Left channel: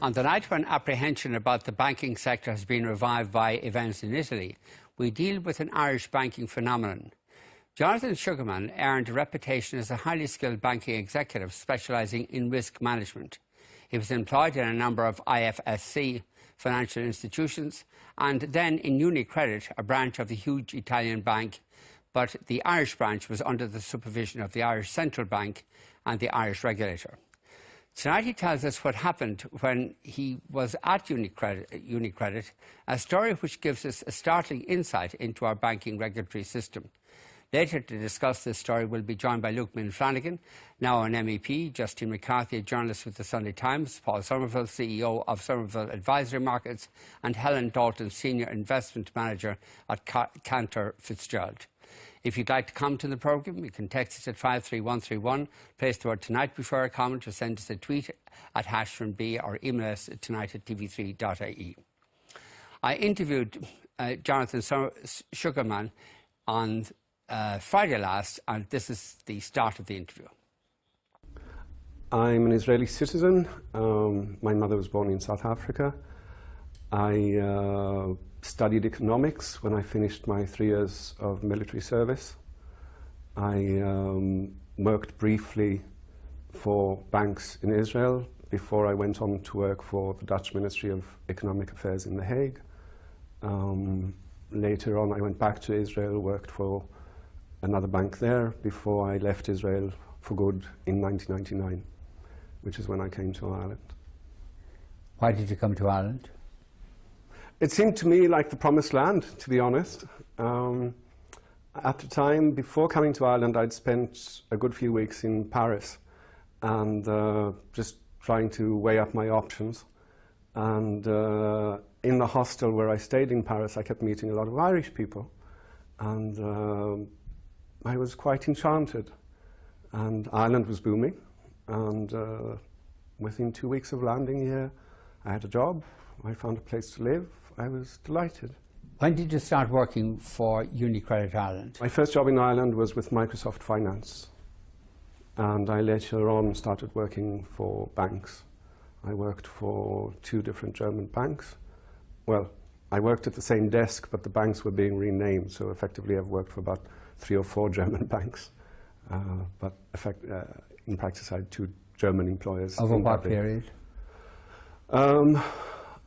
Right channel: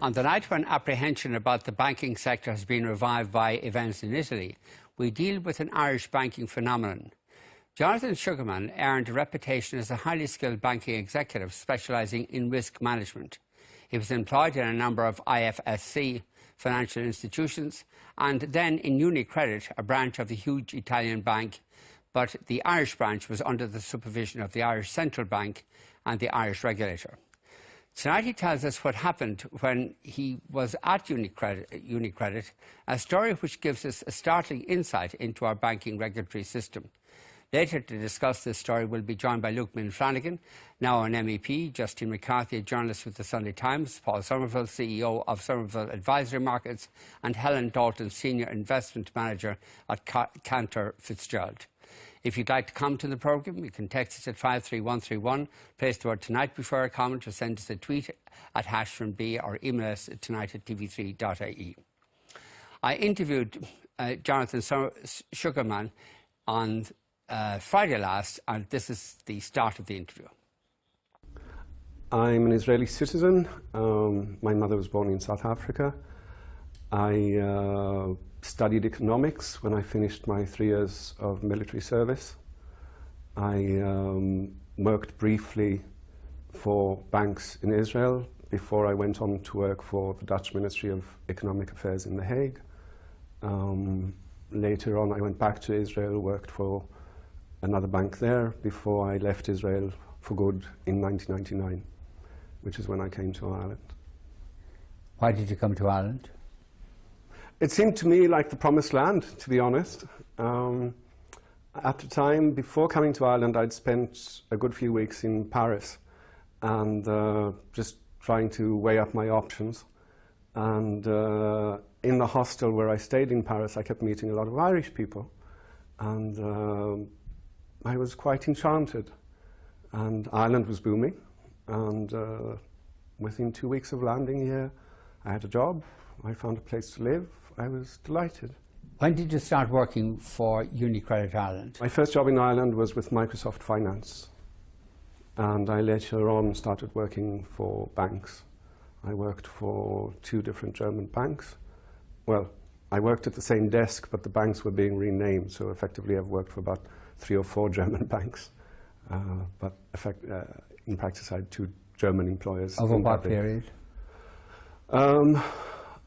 On the night when apprehension about the banking sector has been revived by events in Italy, we deal with an Irish banking phenomenon. Jonathan Sugarman earned a reputation as a highly skilled banking executive specialising in risk management. He was employed in a number of IFSC financial institutions and then in UniCredit, a branch of the huge Italian bank, but the Irish branch was under the supervision of the Irish Central Bank and the Irish regulator. Tonight he tells us what happened when he was at UniCredit, a story which gives us a startling insight into our banking regulatory system. Later to discuss this story we'll be joined by Luke Ming Flanagan, now an MEP, Justine McCarthy, a journalist with the Sunday Times, Paul Sommerville, CEO of Sommerville Advisory Markets, and Hellen, Dalton, Senior Investment Manager at Cantor Fitzgerald. If you'd like to come to the programme, you can text us at 53131, place the word tonight before a comment, or send us a tweet at #B or email us at tonight@tv3.ie. I interviewed Jonathan Sugarman on Friday last, and this is the start of the interview. I'm an Israeli citizen. My mother was born in South Africa. I studied economics when I finished my 3 years of military service. I worked briefly for banks in Israel before I went on to work for the Dutch Ministry of Economic Affairs in The Hague. Later on, I went back to Israel, worked for another bank there before I left Israel for good in 1999, which is when I came to Ireland. Why did you come to Ireland? It seemed to me like the promised land, to be honest. At the time, before coming to Ireland, I'd spent a good few weeks in Paris and just trying to weigh up my options. And in the hostel where I stayed in Paris, I kept meeting a lot of Irish people. And I was quite enchanted. And Ireland was booming. And within 2 weeks of landing here, I had a job. I found a place to live. I was delighted. When did you start working for UniCredit Ireland? My first job in Ireland was with Microsoft Finance. And I later on started working for banks. I worked for 2 different German banks. Well, I worked at the same desk, but the banks were being renamed. So effectively, I've worked for about 3 or 4 German banks. But in practice, I had 2 German employers. Over what period?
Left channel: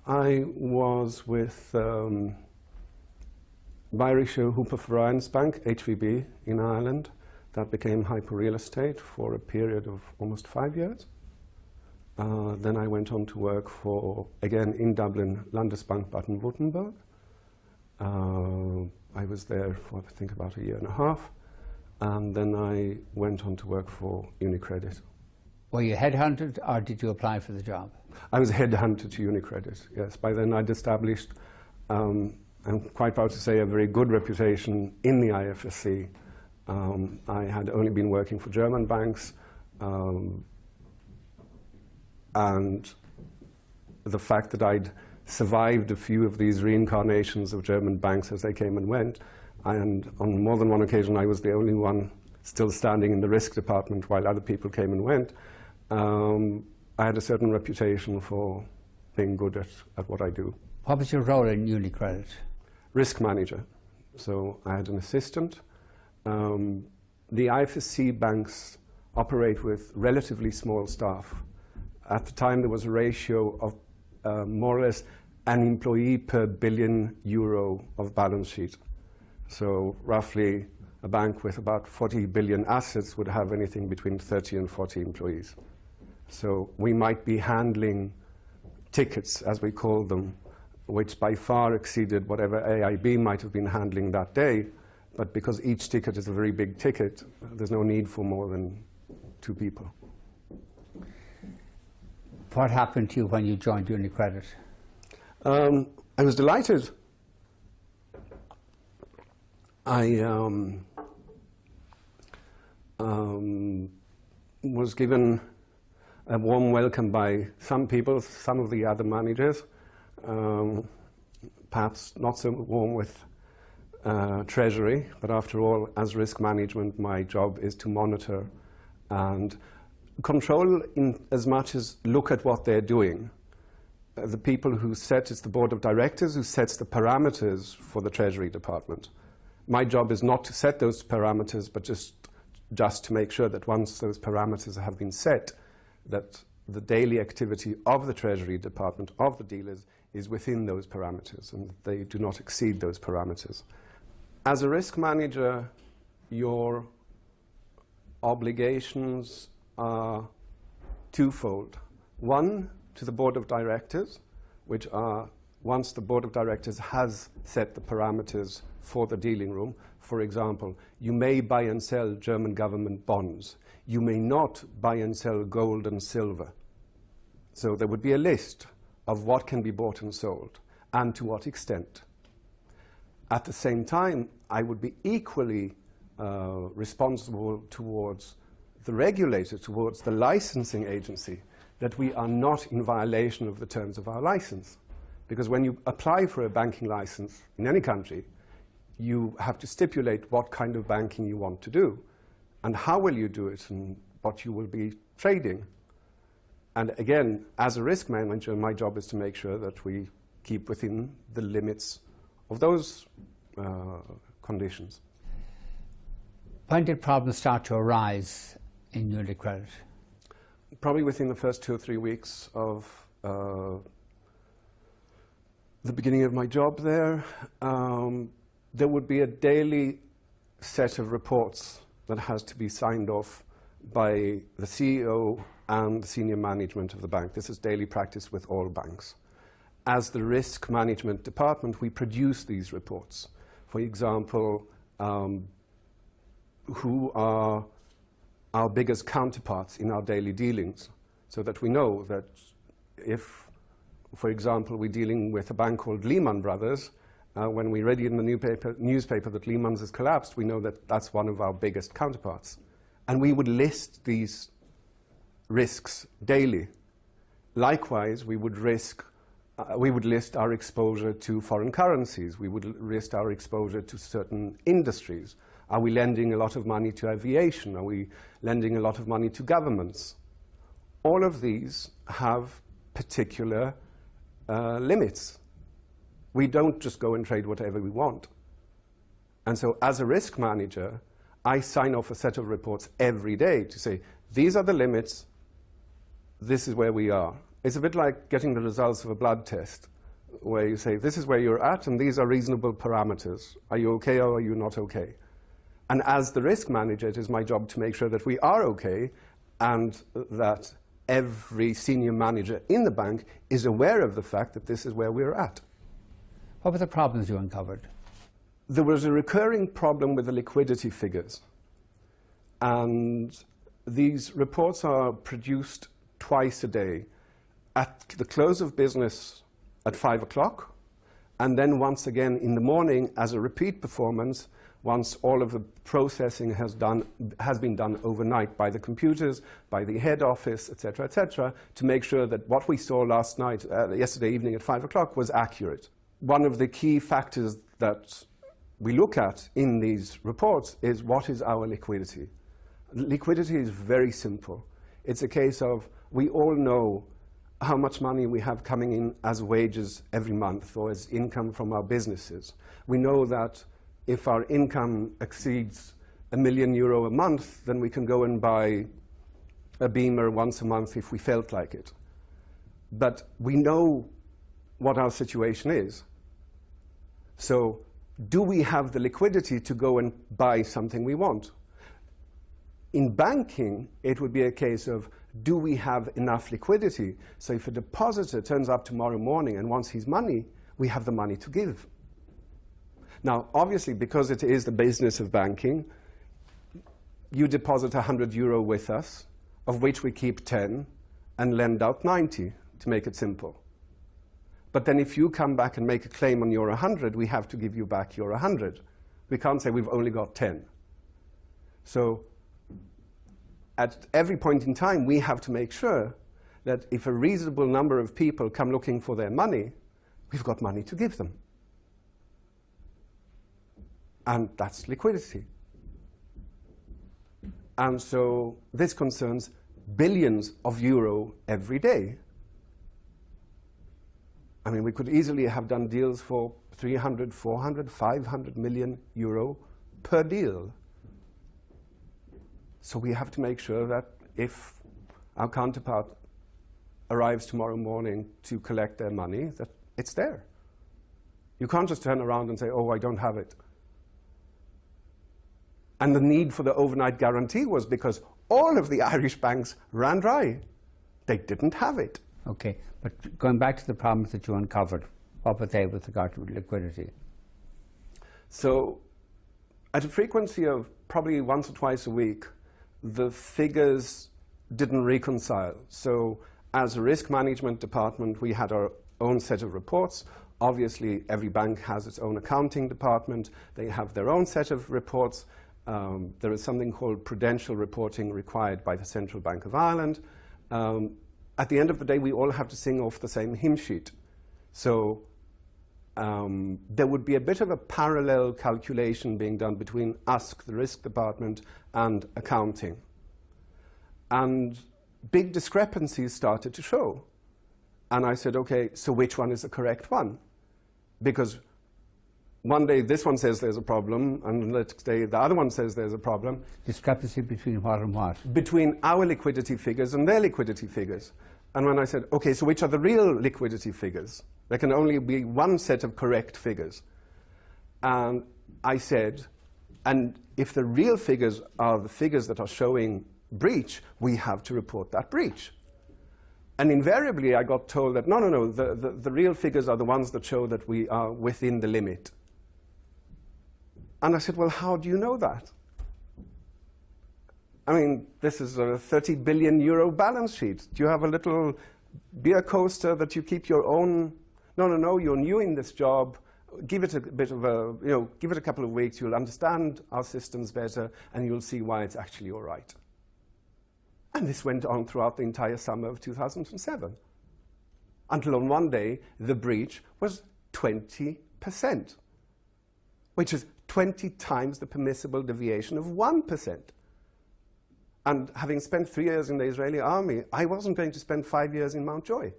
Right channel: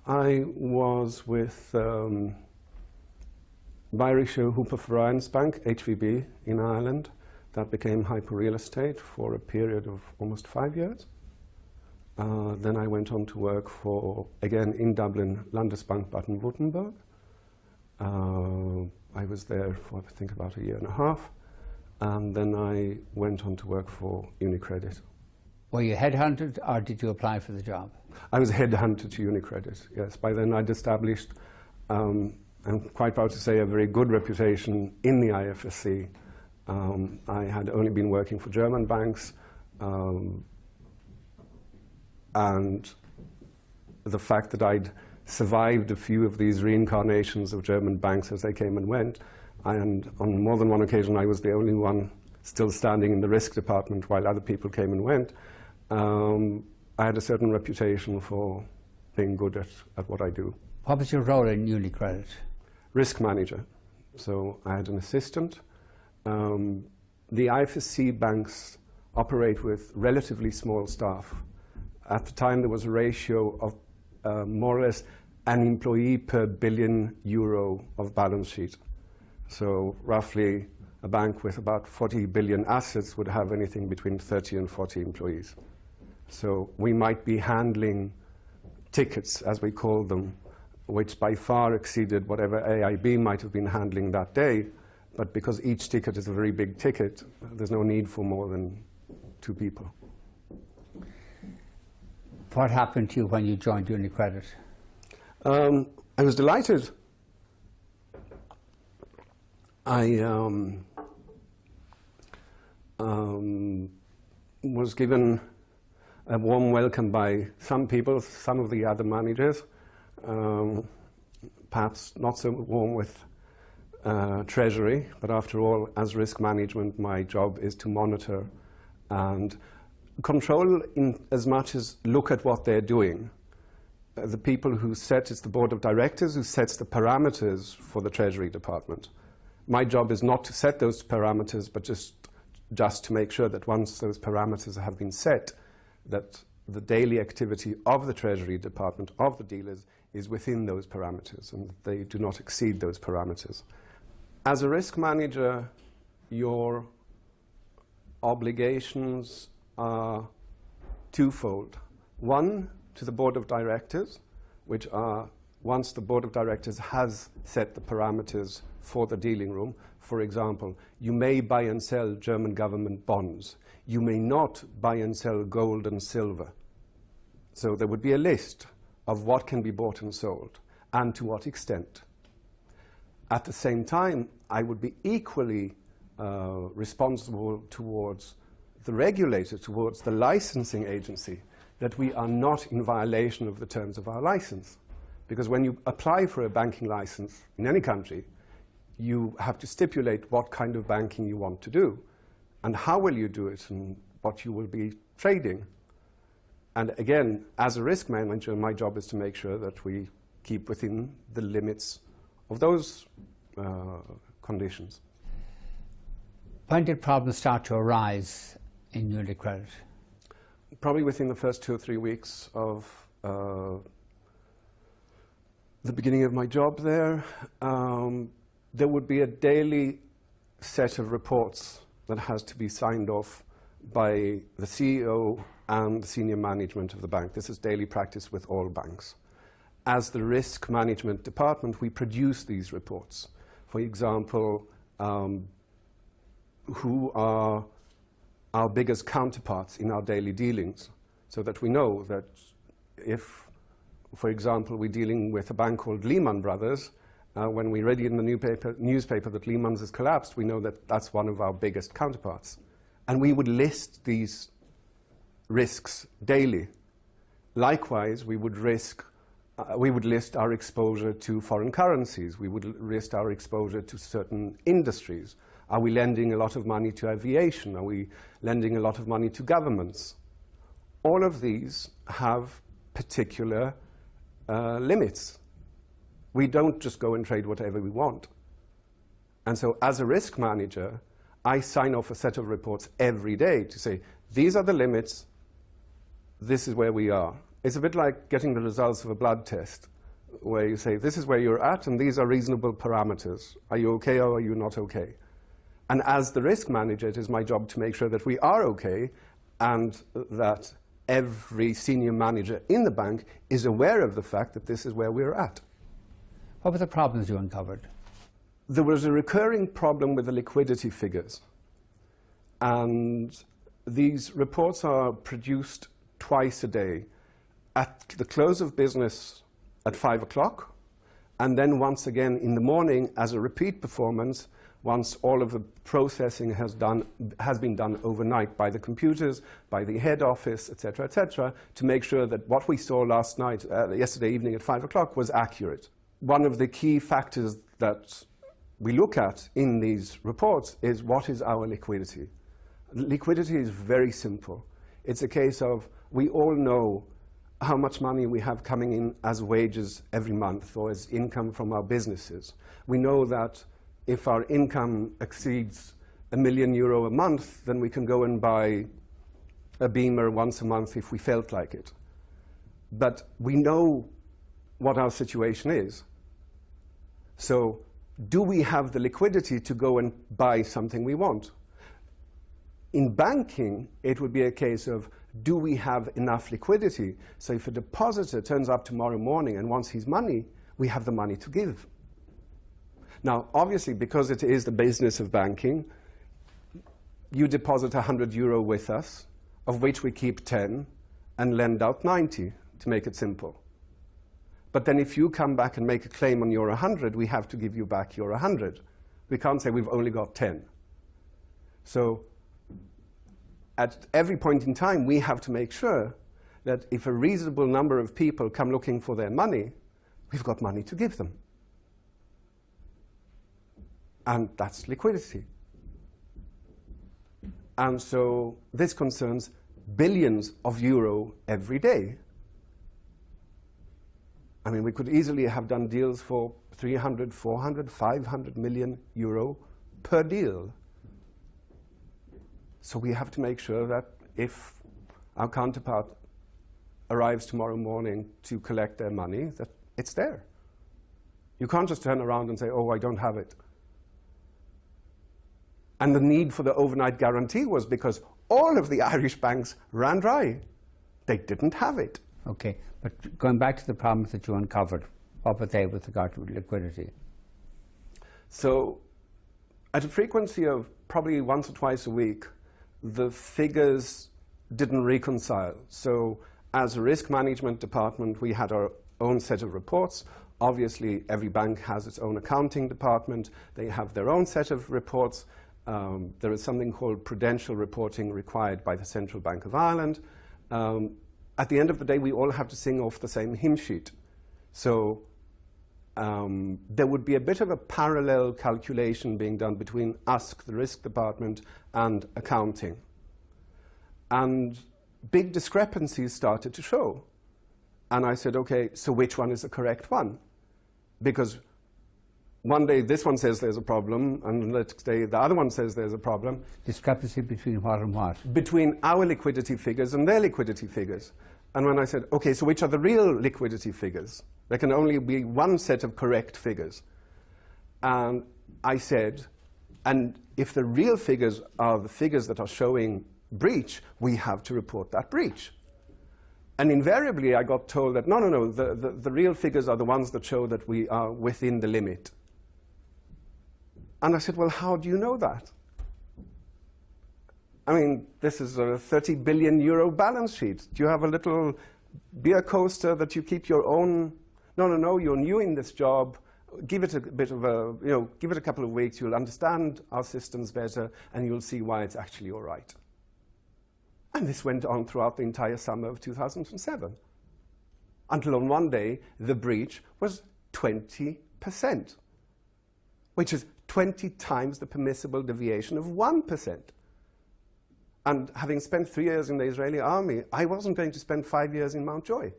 I was with Bayerische Hypovereinsbank, HVB, in Ireland. That became Hyper Real Estate for a period of almost 5 years. Then I went on to work for, again in Dublin, Landesbank Baden-Württemberg. I was there for, I think, about a year and a half. And then I went on to work for UniCredit. Were you headhunted or did you apply for the job? I was headhunted to UniCredit, yes. By then I'd established, I'm quite proud to say, a very good reputation in the IFSC. I had only been working for German banks, and the fact that I'd survived a few of these reincarnations of German banks as they came and went, and on more than one occasion I was the only one still standing in the risk department while other people came and went. I had a certain reputation for being good at what I do. What was your role in UniCredit? Risk manager. So I had an assistant. The IFSC banks operate with relatively small staff. At the time, there was a ratio of more or less an employee per billion euro of balance sheet. So roughly, a bank with about 40 billion assets would have anything between 30 and 40 employees. So we might be handling tickets, as we call them, which by far exceeded whatever AIB might have been handling that day. But because each ticket is a very big ticket, there's no need for more than 2 people. What happened to you when you joined UniCredit? I was delighted. I was given a warm welcome by some people, some of the other managers, perhaps not so warm with Treasury, but after all, as risk management, my job is to monitor and control in as much as look at what they're doing. the people who set, it's the board of directors who sets the parameters for the Treasury Department. My job is not to set those parameters, but just to make sure that once those parameters have been set, that the daily activity of the Treasury Department, of the dealers, is within those parameters and they do not exceed those parameters. As a risk manager, your obligations are twofold. One, to the board of directors, which are, once the board of directors has set the parameters for the dealing room, for example, you may buy and sell German government bonds. You may not buy and sell gold and silver. So there would be a list of what can be bought and sold and to what extent. At the same time, I would be equally responsible towards the regulator, towards the licensing agency, that we are not in violation of the terms of our license. Because when you apply for a banking license in any country, you have to stipulate what kind of banking you want to do and how will you do it and what you will be trading. And again, as a risk manager, my job is to make sure that we keep within the limits of those conditions. When did problems start to arise in UniCredit? Probably within the first 2 or 3 weeks of the beginning of my job there. There would be a daily set of reports that has to be signed off by the CEO and the senior management of the bank. This is daily practice with all banks. As the risk management department, we produce these reports. For example, who are our biggest counterparts in our daily dealings, so that we know that if, for example, we're dealing with a bank called Lehman Brothers, when we read in the newspaper that Lehman's has collapsed, we know that that's one of our biggest counterparts. And we would list these risks daily. Likewise, we would list our exposure to foreign currencies. We would list our exposure to certain industries. Are we lending a lot of money to aviation? Are we lending a lot of money to governments? All of these have particular limits. We don't just go and trade whatever we want. And so as a risk manager, I sign off a set of reports every day to say, these are the limits, this is where we are. It's a bit like getting the results of a blood test, where you say, this is where you're at, and these are reasonable parameters. Are you okay or are you not okay? And as the risk manager, it is my job to make sure that we are okay and that every senior manager in the bank is aware of the fact that this is where we're at. What were the problems you uncovered? There was a recurring problem with the liquidity figures. And these reports are produced twice a day, at the close of business at 5 o'clock, and then once again in the morning as a repeat performance, once all of the processing has been done overnight by the computers, by the head office, etc., to make sure that what we saw last night, yesterday evening at 5 o'clock was accurate. One of the key factors that we look at in these reports is what is our liquidity. Liquidity is very simple. It's a case of we all know how much money we have coming in as wages every month or as income from our businesses. We know that if our income exceeds €1 million a month, then we can go and buy a Beamer once a month if we felt like it. But we know what our situation is. So do we have the liquidity to go and buy something we want? In banking, it would be a case of, do we have enough liquidity? So if a depositor turns up tomorrow morning and wants his money, we have the money to give. Now, obviously, because it is the business of banking, you deposit €100 with us, of which we keep 10 and lend out 90, to make it simple. But then if you come back and make a claim on your 100, we have to give you back your 100. We can't say we've only got 10. So at every point in time, we have to make sure that if a reasonable number of people come looking for their money, we've got money to give them. And that's liquidity. And so this concerns billions of euro every day. I mean, we could easily have done deals for 300, 400, 500 million euro per deal. So we have to make sure that if our counterpart arrives tomorrow morning to collect their money, that it's there. You can't just turn around and say, oh, I don't have it. And the need for the overnight guarantee was because all of the Irish banks ran dry. They didn't have it. Okay, but going back to the problems that you uncovered, what were they with regard to liquidity? So at a frequency of probably once or twice a week, the figures didn't reconcile. So as a risk management department, we had our own set of reports. Obviously, every bank has its own accounting department. They have their own set of reports. There is something called prudential reporting required by the Central Bank of Ireland. At the end of the day, we all have to sing off the same hymn sheet. So there would be a bit of a parallel calculation being done between us, the risk department, and accounting. And big discrepancies started to show. And I said, okay, so which one is the correct one? Because one day this one says there's a problem, and the next day the other one says there's a problem. Discrepancy between what and what? Between our liquidity figures and their liquidity figures. And when I said, okay, so which are the real liquidity figures? There can only be one set of correct figures. And I said, and if the real figures are the figures that are showing breach, we have to report that breach. And invariably I got told that, no, the real figures are the ones that show that we are within the limit. And I said, well, how do you know that? I mean, this is a 30 billion euro balance sheet. Do you have a little beer coaster that you keep your own? No, you're new in this job. Give it a bit of a, give it a couple of weeks. You'll understand our systems better, and you'll see why it's actually all right. And this went on throughout the entire summer of 2007. Until on one day, the breach was 20%, which is 20 times the permissible deviation of 1%. And having spent 3 years in the Israeli army, I wasn't going to spend 5 years in Mountjoy.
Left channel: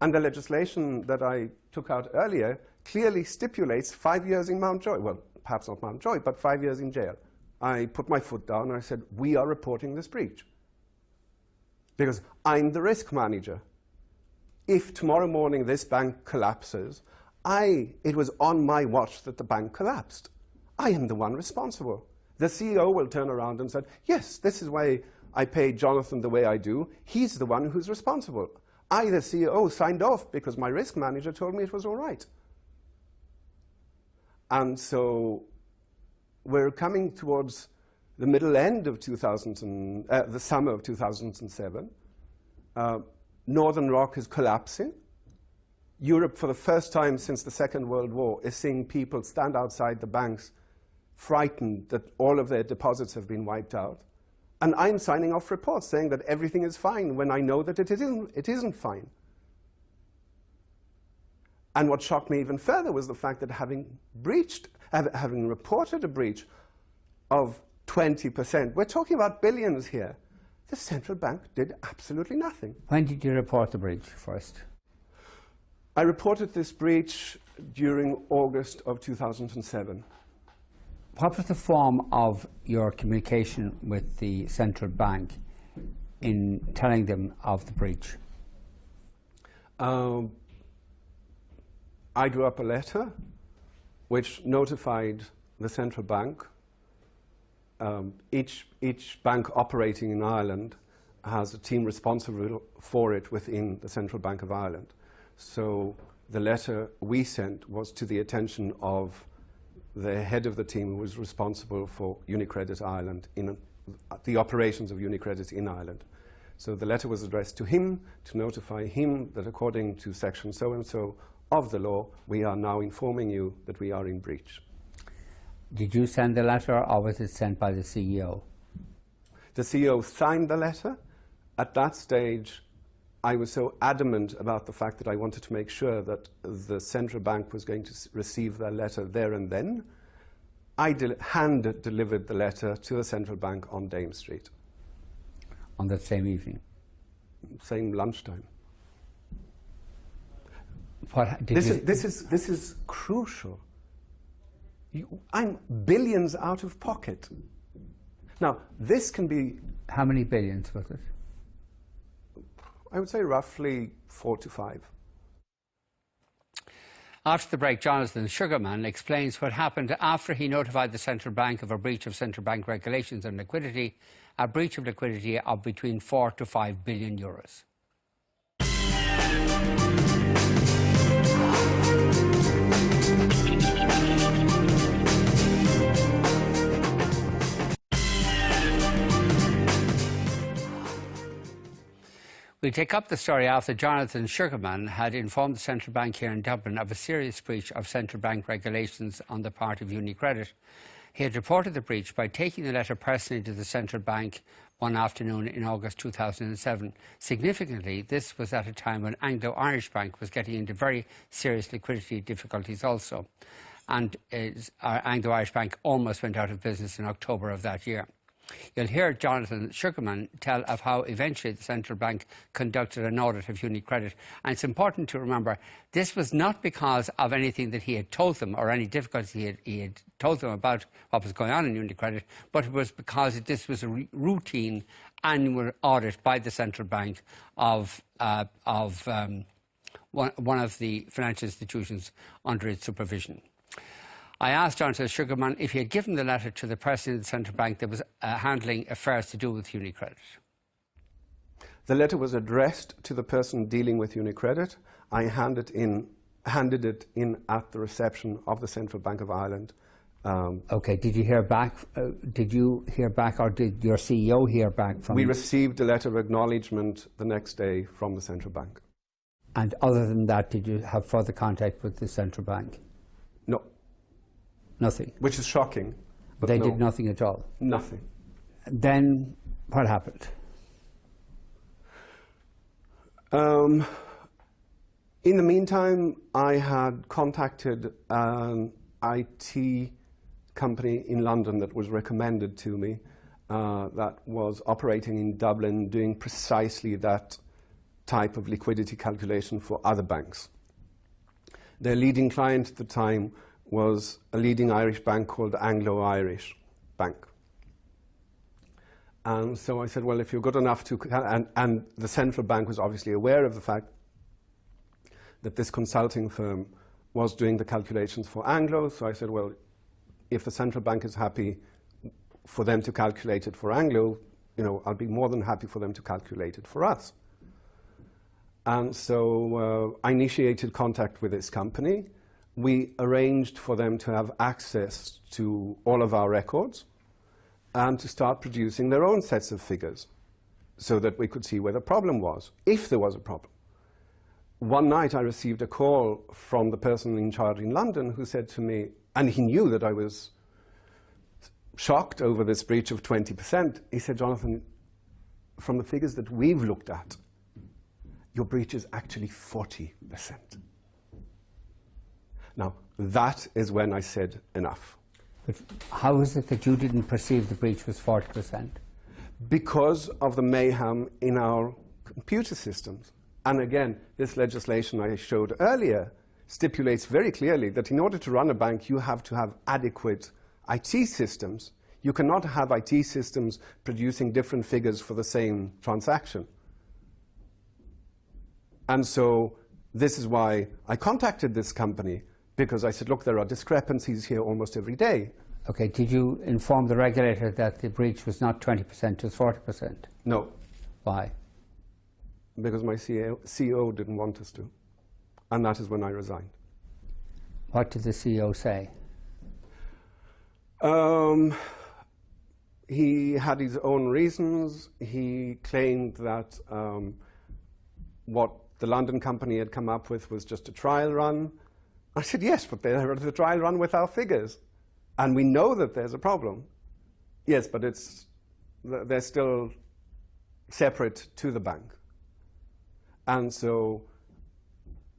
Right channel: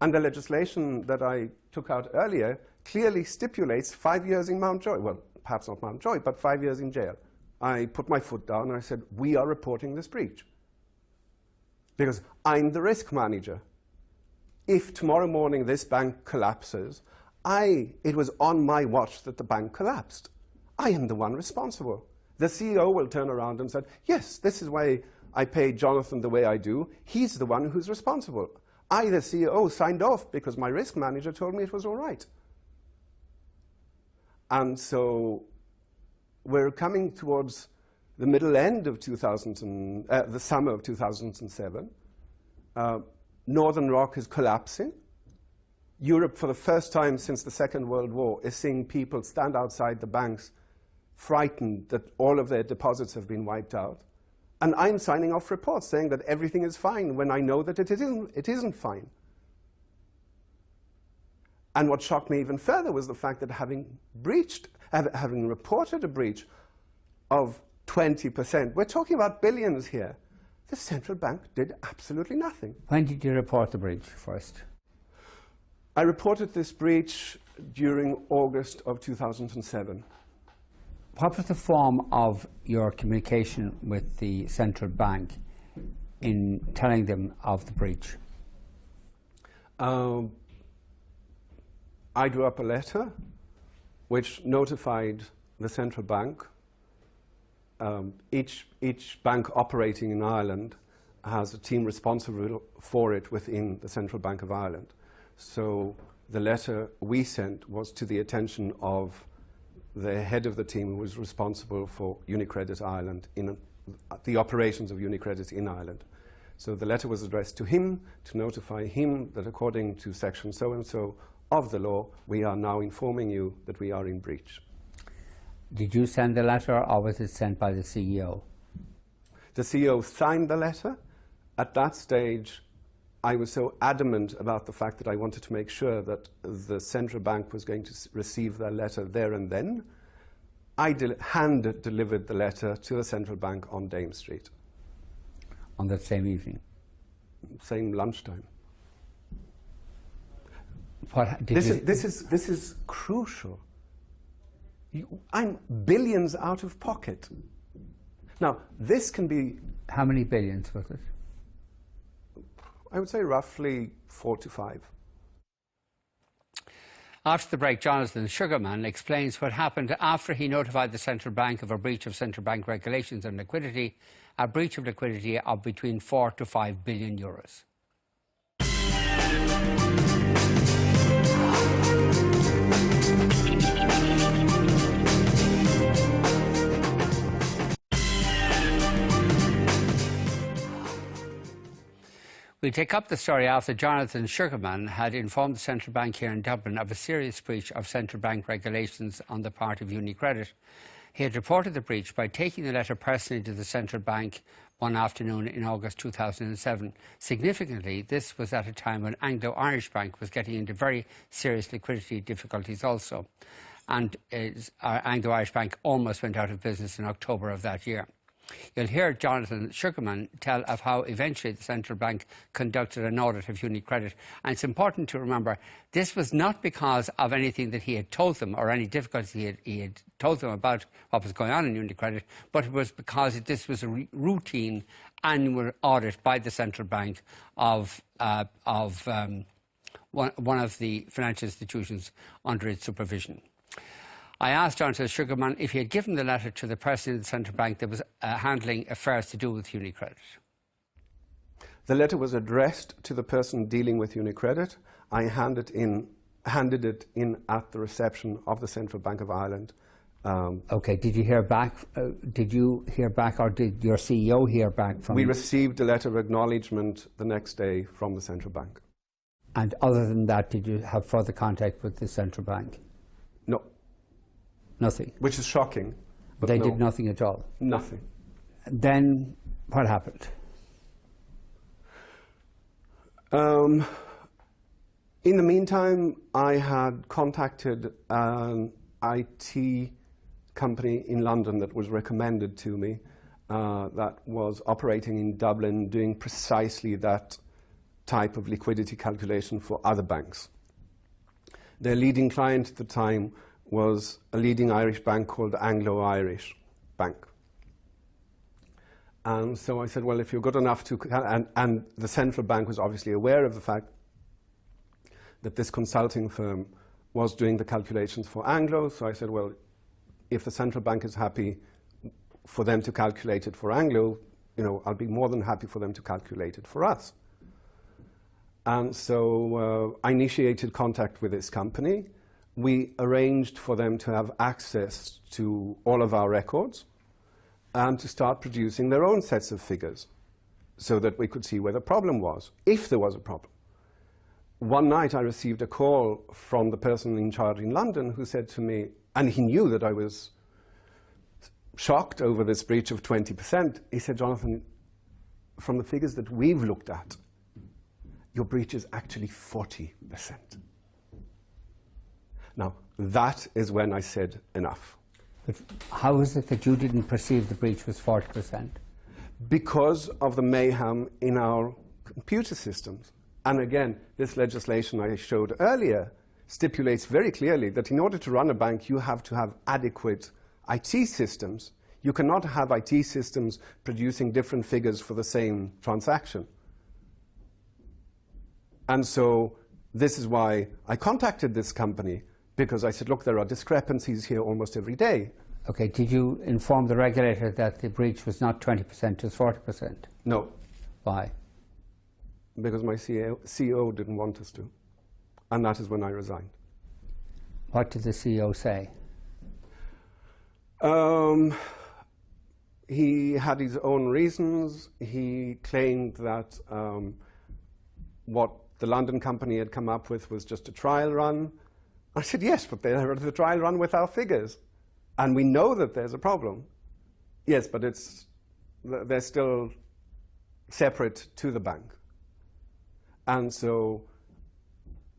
And the legislation that I took out earlier clearly stipulates 5 years in Mountjoy. Well, perhaps not Mountjoy, but 5 years in jail. I put my foot down and I said, we are reporting this breach. Because I'm the risk manager. If tomorrow morning this bank collapses, it was on my watch that the bank collapsed. I am the one responsible. The CEO will turn around and say, yes, this is why I pay Jonathan the way I do. He's the one who's responsible. I, the CEO, signed off because my risk manager told me it was all right. And so we're coming towards the middle end of the summer of 2007. Northern Rock is collapsing. Europe, for the first time since the Second World War, is seeing people stand outside the banks frightened that all of their deposits have been wiped out. And I'm signing off reports saying that everything is fine when I know that it isn't fine. And what shocked me even further was the fact that having reported a breach of 20%, we're talking about billions here, the central bank did absolutely nothing. When did you report the breach first? I reported this breach during August of 2007. What was the form of your communication with the central bank in telling them of the breach? I drew up a letter which notified the central bank. Each bank operating in Ireland has a team responsible for it within the Central Bank of Ireland. So the letter we sent was to the attention of the head of the team who was responsible for UniCredit Ireland, the operations of UniCredit in Ireland. So the letter was addressed to him to notify him that according to section so-and-so of the law, we are now informing you that we are in breach. Did you send the letter, or was it sent by the CEO? The CEO signed the letter. At that stage, I was so adamant about the fact that I wanted to make sure that the central bank was going to receive their letter there and then. I hand-delivered the letter to the central bank on Dame Street. On that same evening? Same lunchtime. This is crucial. I'm billions out of pocket. Now, this can be... How many billions was it? I would say roughly 4 to 5. After the break, Jonathan Sugarman explains what happened after he notified the central bank of a breach of central bank regulations on liquidity, a breach of liquidity of between 4 to 5 billion euros. We take up the story after Jonathan Sugarman had informed the central bank here in Dublin of a serious breach of central bank regulations on the part of UniCredit. He had reported the breach by taking the letter personally to the central bank one afternoon in August 2007. Significantly, this was at a time when Anglo-Irish Bank was getting into very serious liquidity difficulties also. And Anglo-Irish Bank almost went out of business in October of that year. You'll hear Jonathan Sugarman tell of how eventually the central bank conducted an audit of UniCredit. And it's important to remember, this was not because of anything that he had told them or any difficulties he had told them about what was going on in UniCredit, but it was because this was a routine annual audit by the central bank of one of the financial institutions under its supervision. I asked Jonathan Sugarman if he had given the letter to the president of the central bank that was handling affairs to do with UniCredit. The letter was addressed to the person dealing with UniCredit. I handed it in at the reception of the Central Bank of Ireland. Okay. Did you hear back? Did you hear back, or did your CEO hear back from? We received a letter of acknowledgement the next day from the central bank. And other than that, did you have further contact with the central bank? No. Nothing. Which is shocking. But they did nothing at all. Nothing. Then what happened? In the meantime, I had contacted an IT company in London that was recommended to me that was operating in Dublin, doing precisely that type of liquidity calculation for other banks. Their leading client at the time was a leading Irish bank called Anglo-Irish Bank. And so I said, well, if you're good enough to... And the central bank was obviously aware of the fact that this consulting firm was doing the calculations for Anglo. So I said, well, if the central bank is happy for them to calculate it for Anglo, I'll be more than happy for them to calculate it for us. And so I initiated contact with this company. We arranged for them to have access to all of our records and to start producing their own sets of figures so that we could see where the problem was, if there was a problem. One night I received a call from the person in charge in London who said to me, and he knew that I was shocked over this breach of 20%, he said, Jonathan, from the figures that we've looked at, your breach is actually 40%. Now, that is when I said enough. But how is it that you didn't perceive the breach was 40%? Because of the mayhem in our computer systems. And again, this legislation I showed earlier stipulates very clearly that in order to run a bank, you have to have adequate IT systems. You cannot have IT systems producing different figures for the same transaction. And so this is why I contacted this company, because I said, look, there are discrepancies here almost every day. Okay, did you inform the regulator that the breach was not 20%, it was 40%? No. Why? Because my CEO didn't want us to. And that is when I resigned. What did the CEO say? He had his own reasons. He claimed that what the London company had come up with was just a trial run. I said, yes, but they're the trial run with our figures. And we know that there's a problem. Yes, but they're still separate to the bank. And so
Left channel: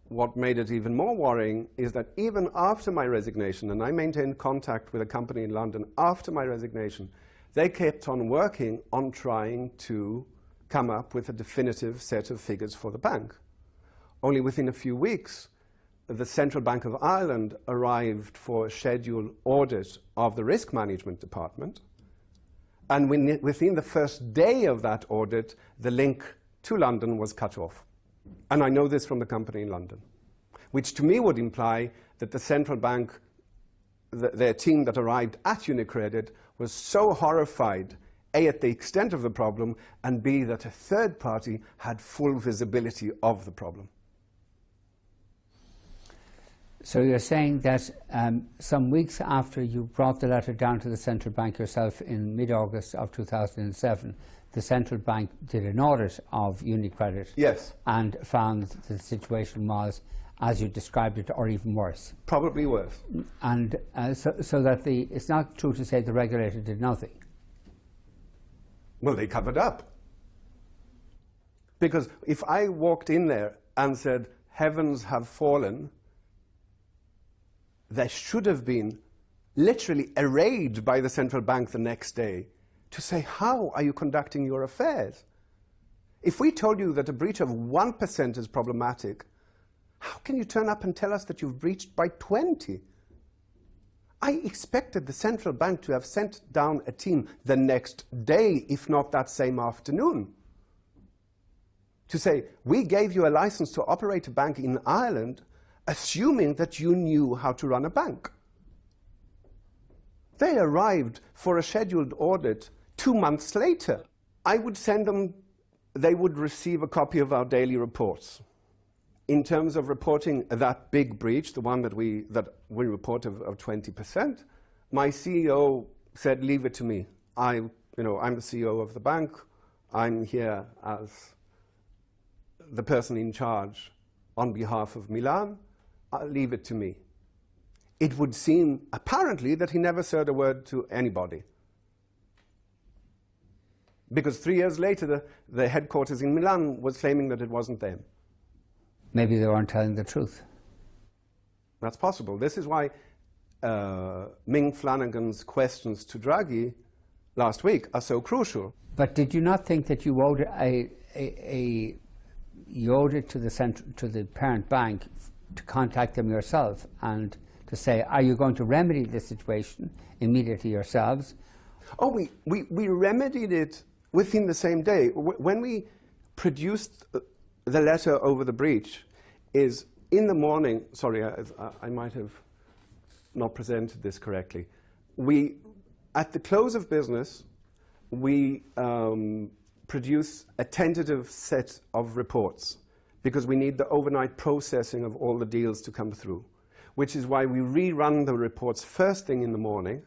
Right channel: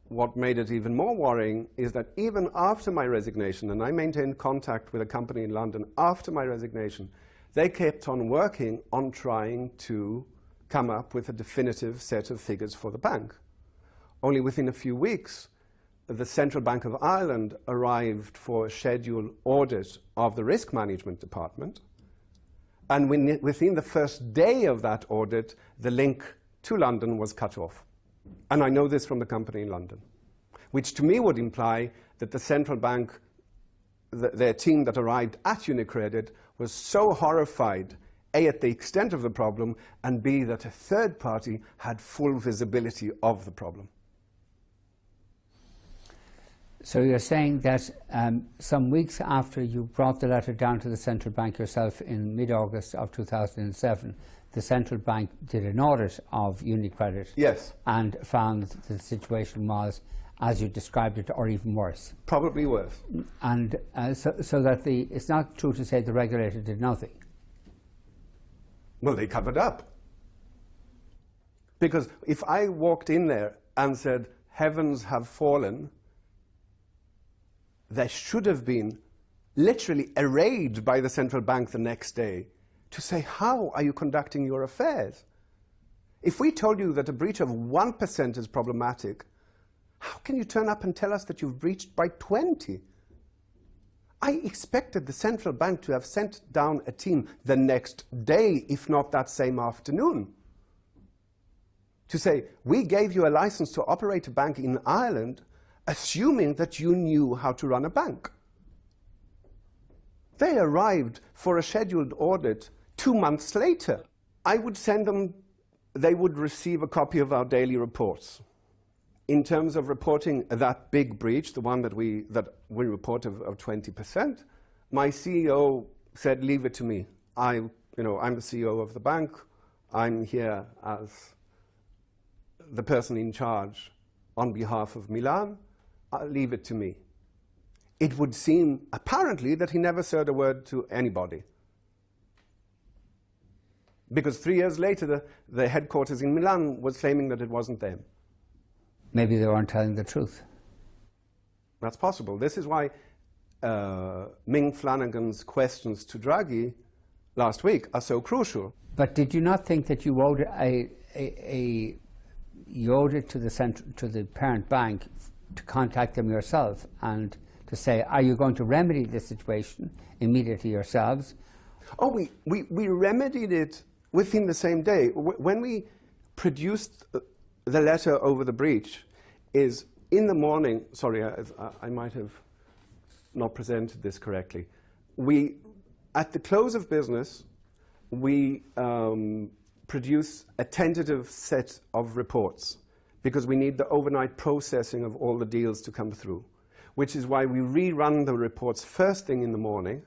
what made it even more worrying is that even after my resignation, and I maintained contact with a company in London after my resignation, they kept on working on trying to come up with a definitive set of figures for the bank. Only within a few weeks, the Central Bank of Ireland arrived for a scheduled audit of the risk management department, and within the first day of that audit, the link to London was cut off. And I know this from the company in London, which to me would imply that the central bank, their team that arrived at UniCredit, was so horrified, A, at the extent of the problem, and B, that a third party had full visibility of the problem. So you're saying that some weeks after you brought the letter down to the central bank yourself in mid-August of 2007, the central bank did an audit of UniCredit. Yes. And found the situation was, as you described it, or even worse. Probably worse. And so that it's not true to say the regulator did nothing. Well, they covered up. Because if I walked in there and said, heavens have fallen, they should have been literally arrayed by the central bank the next day to say, how are you conducting your affairs? If we told you that a breach of 1% is problematic, how can you turn up and tell us that you've breached by 20? I expected the central bank to have sent down a team the next day, if not that same afternoon, to say, we gave you a license to operate a bank in Ireland, assuming that you knew how to run a bank. They arrived for a scheduled audit 2 months later. I would send them, they would receive a copy of our daily reports. In terms of reporting that big breach, the one that we report of 20%, my CEO said, leave it to me. I'm the CEO of the bank. I'm here as the person in charge on behalf of Milan. Leave it to me. It would seem, apparently, that he never said a word to anybody. Because 3 years later, the headquarters in Milan was claiming that it wasn't them. Maybe they weren't telling the truth. That's possible. This is why Ming Flanagan's questions to Draghi last week are so crucial. But did you not think that you owed it to the parent bank to contact them yourself and to say, are you going to remedy the situation immediately yourselves? Oh, we remedied it within the same day. When we produced the letter over the breach, is in the morning, sorry, I might have not presented this correctly. At the close of business, we produce a tentative set of reports because we need the overnight processing of all the deals to come through, which is why we rerun the reports first thing in the morning,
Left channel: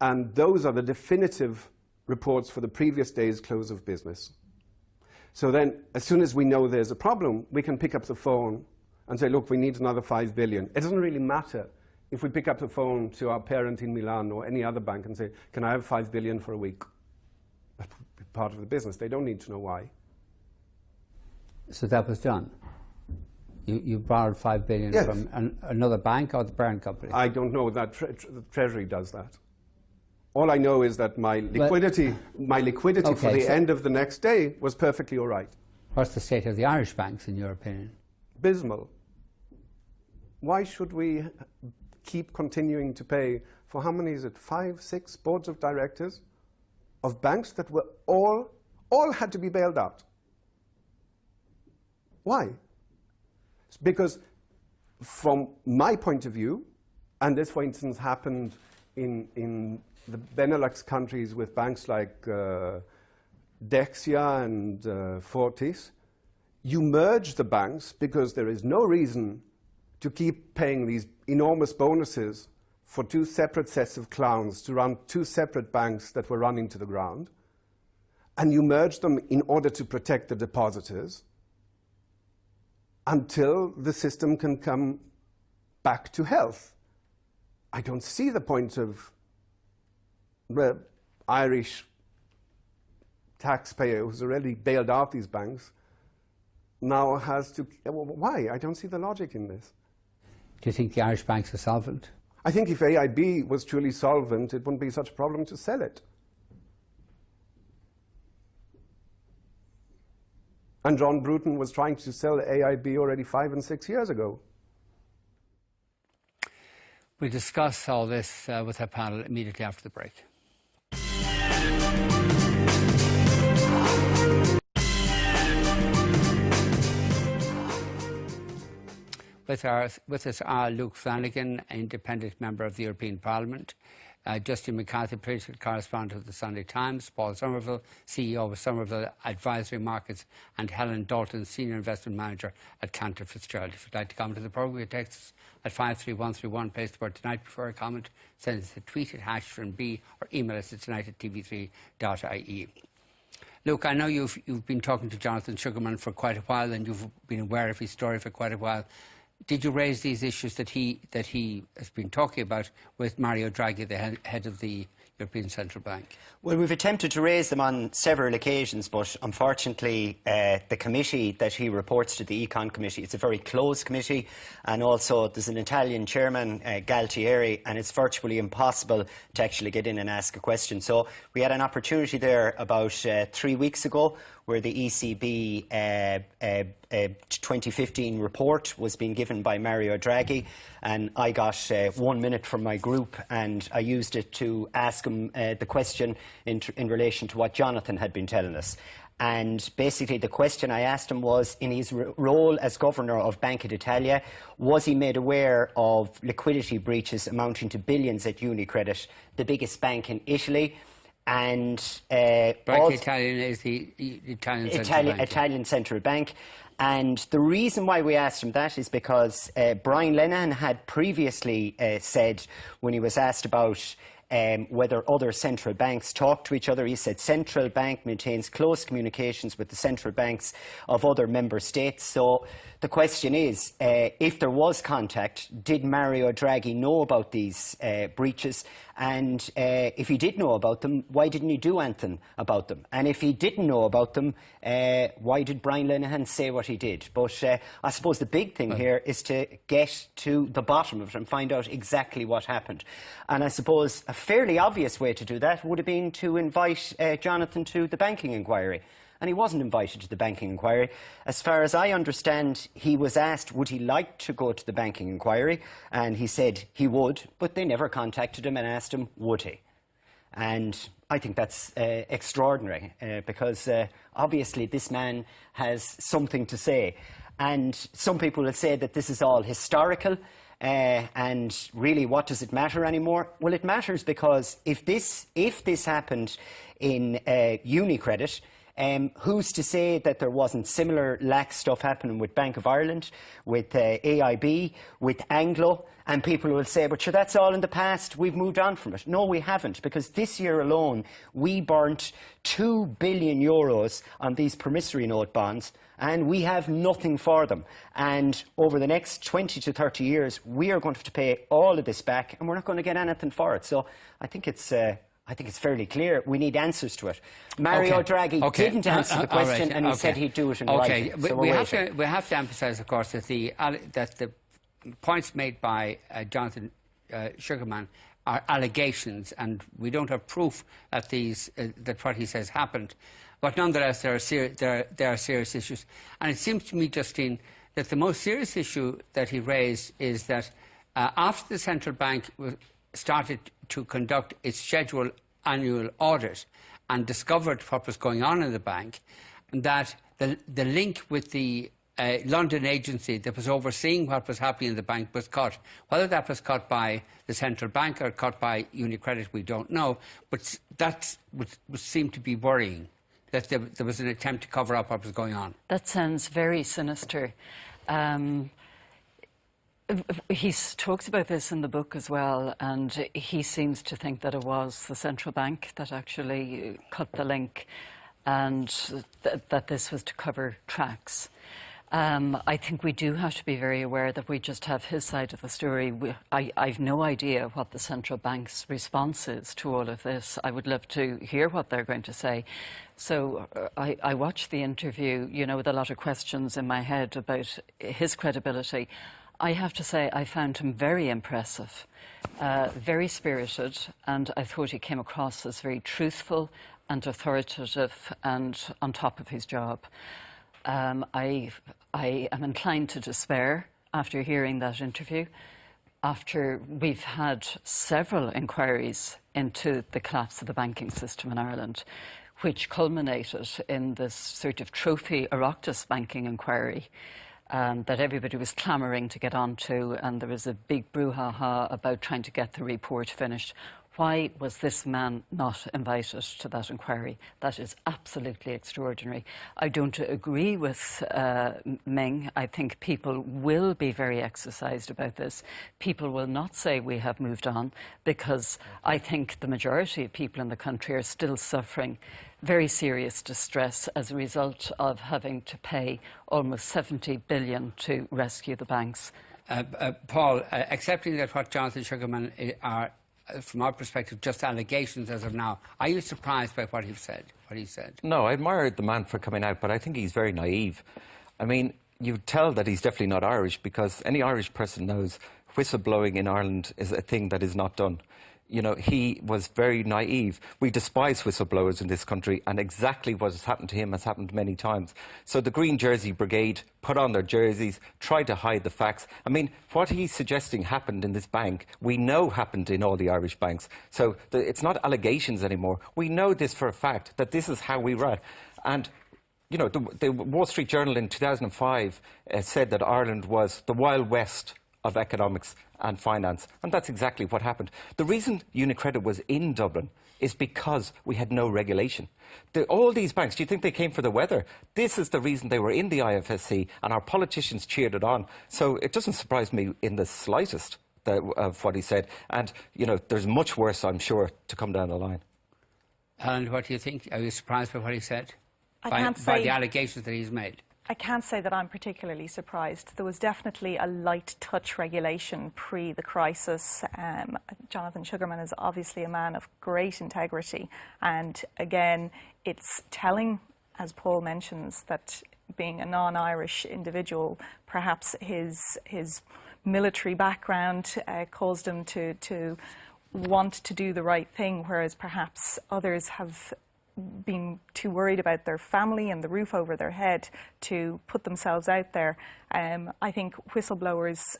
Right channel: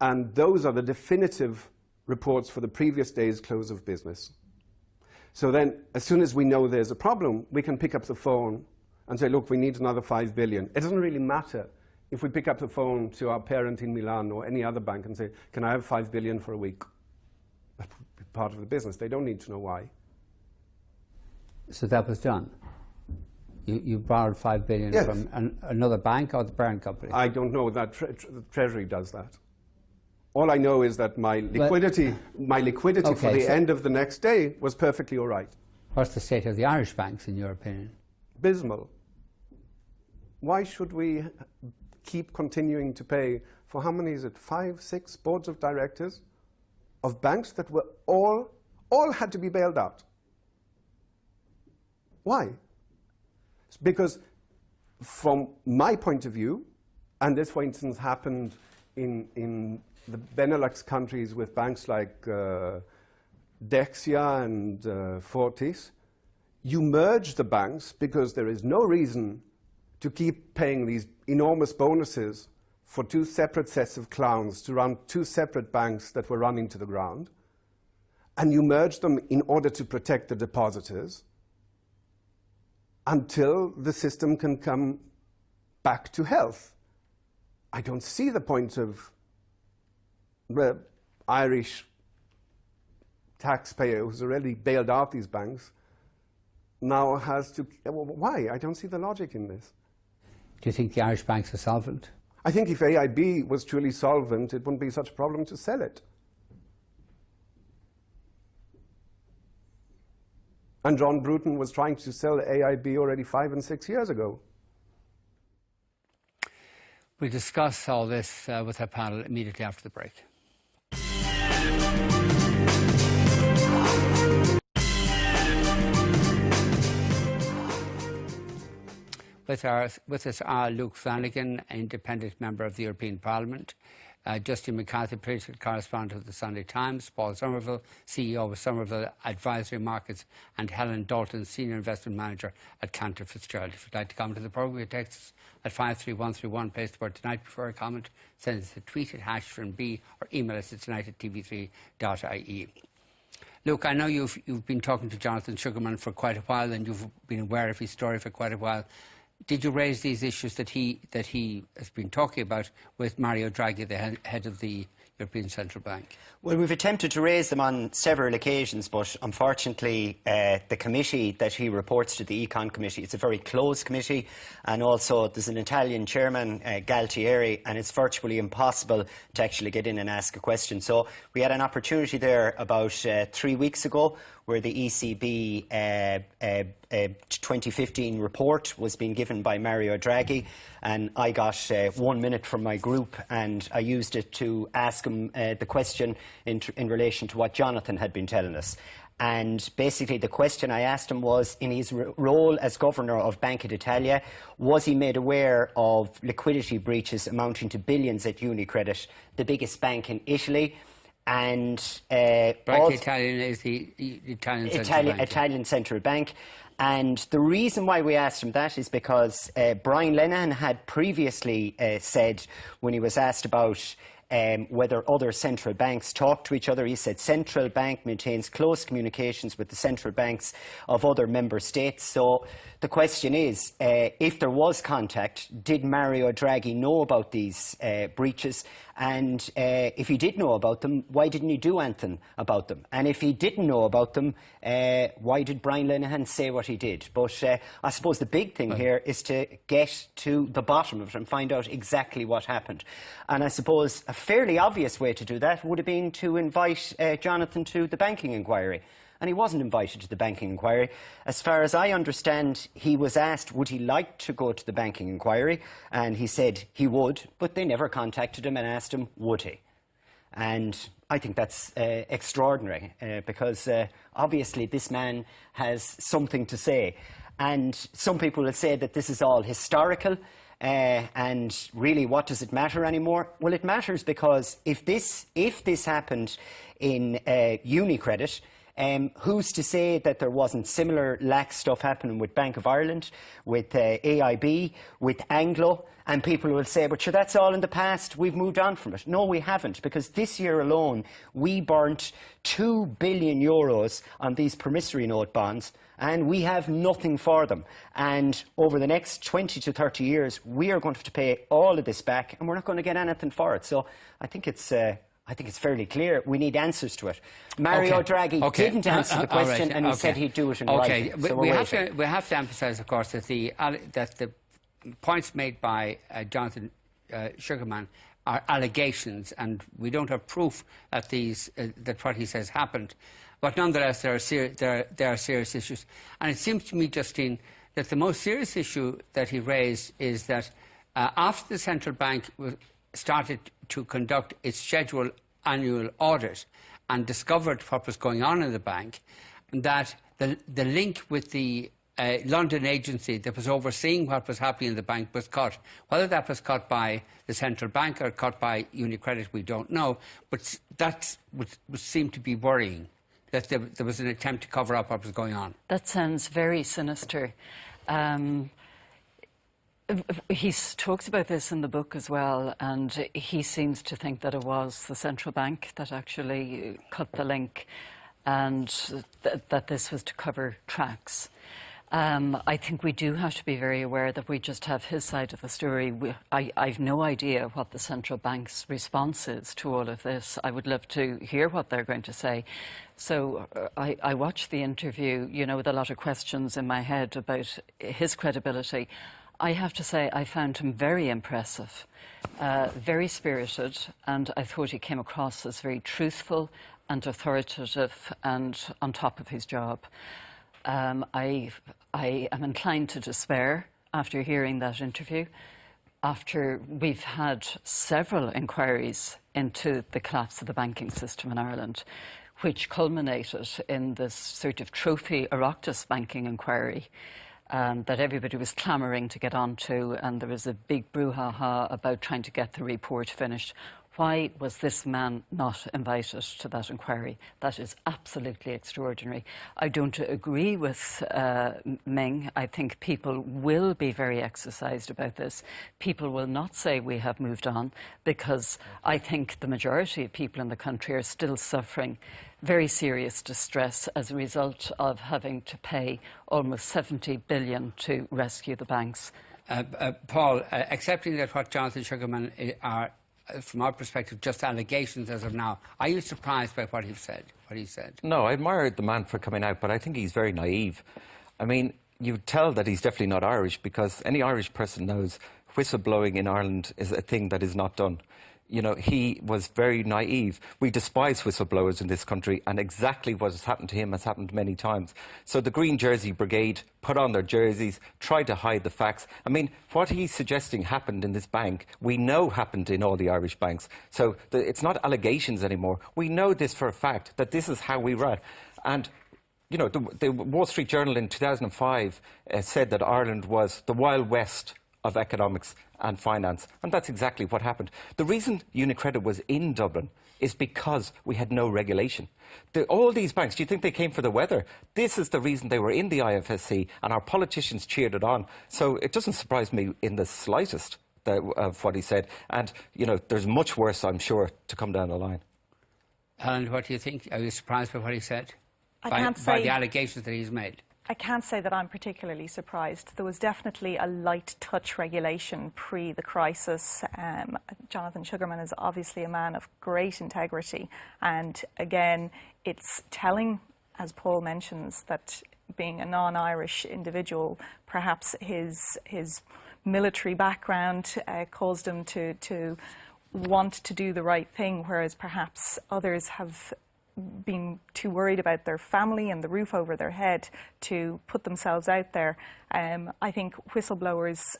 and those are the definitive reports for the previous day's close of business. So then, as soon as we know there's a problem, we can pick up the phone and say, look, we need another 5 billion. It doesn't really matter if we pick up the phone to our parent in Milan or any other bank and say, can I have 5 billion for a week? That's part of the business. They don't need to know why. So that was done. You borrowed 5 billion Yes. from another bank or the parent company? I don't know that the Treasury does that. All I know is that my liquidity Okay, for the end of the next day was perfectly all right. What's the state of the Irish banks, in your opinion? Abysmal. Why should we keep continuing to pay for, how many is it, 5, 6 boards of directors of banks that were all had to be bailed out? Why? It's because from my point of view, and this, for instance, happened in the Benelux countries with banks like Dexia and Fortis, you merge the banks because there is no reason to keep paying these enormous bonuses for 2 separate sets of clowns to run 2 separate banks that were run into the ground. And you merge them in order to protect the depositors until the system can come back to health. I don't see the point of the Irish taxpayer who's already bailed out these banks now has to... Why? I don't see the logic in this. Do you think the Irish banks are solvent? I think if AIB was truly solvent, it wouldn't be such a problem to sell it. And John Bruton was trying to sell AIB already 5 and 6 years ago. We'll discuss all this with our panel immediately after the break. With us are Luke Flanagan, independent member of the European Parliament, Justine McCarthy, political correspondent of the Sunday Times, Paul Sommerville, CEO of Sommerville Advisory Markets, and Hellen Dalton, senior investment manager at Cantor Fitzgerald. If you'd like to come to the programme, you text us at 53131, place the word tonight before a comment, send us a tweet at #B or email us at tonight@tv3.ie. Look, I know you've been talking to Jonathan Sugarman for quite a while, and you've been aware of his story for quite a while. Did you raise these issues that he has been talking about with Mario Draghi, the head of the European Central Bank? Well, we've attempted to raise them on several occasions, but unfortunately the committee that he reports to, the Econ Committee, it's a very closed committee, and also there's an Italian chairman, Galtieri, and it's virtually impossible to actually get in and ask a question. So we had an opportunity there about 3 weeks ago where the ECB 2015 report was being given by Mario Draghi, and I got 1 minute from my group, and I used it to ask him the question in relation to what Jonathan had been telling us. And basically the question I asked him was, in his role as governor of Banca d'Italia, was he made aware of liquidity breaches amounting to billions at UniCredit, the biggest bank in Italy? And Banca Italian is the Italian Central Bank. And the reason why we asked him that is because Brian Lenihan had previously said, when he was asked about whether other central banks talk to each other, he said central bank maintains close communications with the central banks of other member states. So the question is, if there was contact, did Mario Draghi know about these breaches? And if he did know about them, why didn't he do anything about them? And if he didn't know about them, why did Brian Lenihan say what he did? But I suppose the big thing here is to get to the bottom of it and find out exactly what happened. And I suppose a fairly obvious way to do that would have been to invite Jonathan to the banking inquiry. And he wasn't invited to the banking inquiry. As far as I understand, he was asked would he like to go to the banking inquiry, and he said he would, but they never contacted him and asked him would he. And I think that's extraordinary, because obviously this man has something to say. And some people would say that this is all historical, and really what does it matter anymore? Well, it matters because if this happened in UniCredit, who's to say that there wasn't similar lax stuff happening with Bank of Ireland, with AIB, with Anglo? And people will say, but sure, that's all in the past, we've moved on from it. No, we haven't, because this year alone, we burnt €2 billion on these promissory note bonds, and we have nothing for them. And over the next 20 to 30 years, we are going to have to pay all of this back, and we're not going to get anything for it. So I think it's fairly clear. We need answers to it. Mario Draghi didn't answer the question, and he said he'd do it in writing. So we have to emphasise, of course, that the points made by Jonathan Sugarman are allegations, and we don't have proof that that what he says happened. But nonetheless, there are serious issues. And it seems to me, Justine, that the most serious issue that he raised is that after the central bank started to conduct its scheduled annual audit and discovered what was going on in the bank, that the link with the London agency that was overseeing what was happening in the bank was cut. Whether that was cut by the central bank or cut by UniCredit, we don't know, but that would seem to be worrying, that there was an attempt to cover up what was going on. That sounds very sinister. He talks about this in the book as well, and he seems to think that it was the central bank that actually cut the link, and that this was to cover tracks. I think we do have to be very aware that we just have his side of the story. I've no idea what the central bank's response is to all of this. I would love to hear what they're going to say. So I watched the interview, with a lot of questions in my head about his credibility. I have to say I found him very impressive, very spirited, and I thought he came across as very truthful and authoritative and on top of his job. I am inclined to despair after hearing that interview, after we've had several inquiries into the collapse of the banking system in Ireland, which culminated in this sort of trophy Oireachtas banking inquiry that everybody was clamouring to get onto, and there was a big brouhaha about trying to get the report finished. Why was this man not invited to that inquiry? That is absolutely extraordinary. I don't agree with Ming. I think people will be very exercised about this. People will not say we have moved on, because I think the majority of people in the country are still suffering very serious distress as a result of having to pay almost 70 billion to rescue the banks. Paul, accepting that what Jonathan Sugarman are, from our perspective, just allegations as of now, are you surprised by what he said? No, I admire the man for coming out, but I think he's very naive. I mean, you tell that he's definitely not Irish, because any Irish person knows whistleblowing in Ireland is a thing that is not done. You know, he was very naive. We despise whistleblowers in this country, and exactly what has happened to him has happened many times. So the Green Jersey Brigade put on their jerseys, tried to hide the facts. I mean, what he's suggesting happened in this bank, we know happened in all the Irish banks. So it's not allegations anymore. We know this for a fact, that this is how we run. And you know, the Wall Street Journal in 2005 said that Ireland was the Wild West of economics and finance, and that's exactly what happened. The reason UniCredit was in Dublin is because we had no regulation. All these banks, do you think they came for the weather? This is the reason they were in the IFSC, and our politicians cheered it on. So it doesn't surprise me in the slightest of what he said. And, you know, there's much worse, I'm sure, to come down the line. Helen, what do you think? Are you surprised by what he said? By the allegations that he's made? I can't say that I'm particularly surprised. There was definitely a light touch regulation pre the crisis. Jonathan Sugarman is obviously a man of great integrity. And again, it's telling, as Paul mentions, that being a non-Irish individual, perhaps his military background caused him to want to do the right thing, whereas perhaps others have been too worried about their family and the roof over their head to put themselves out there. I think whistleblowers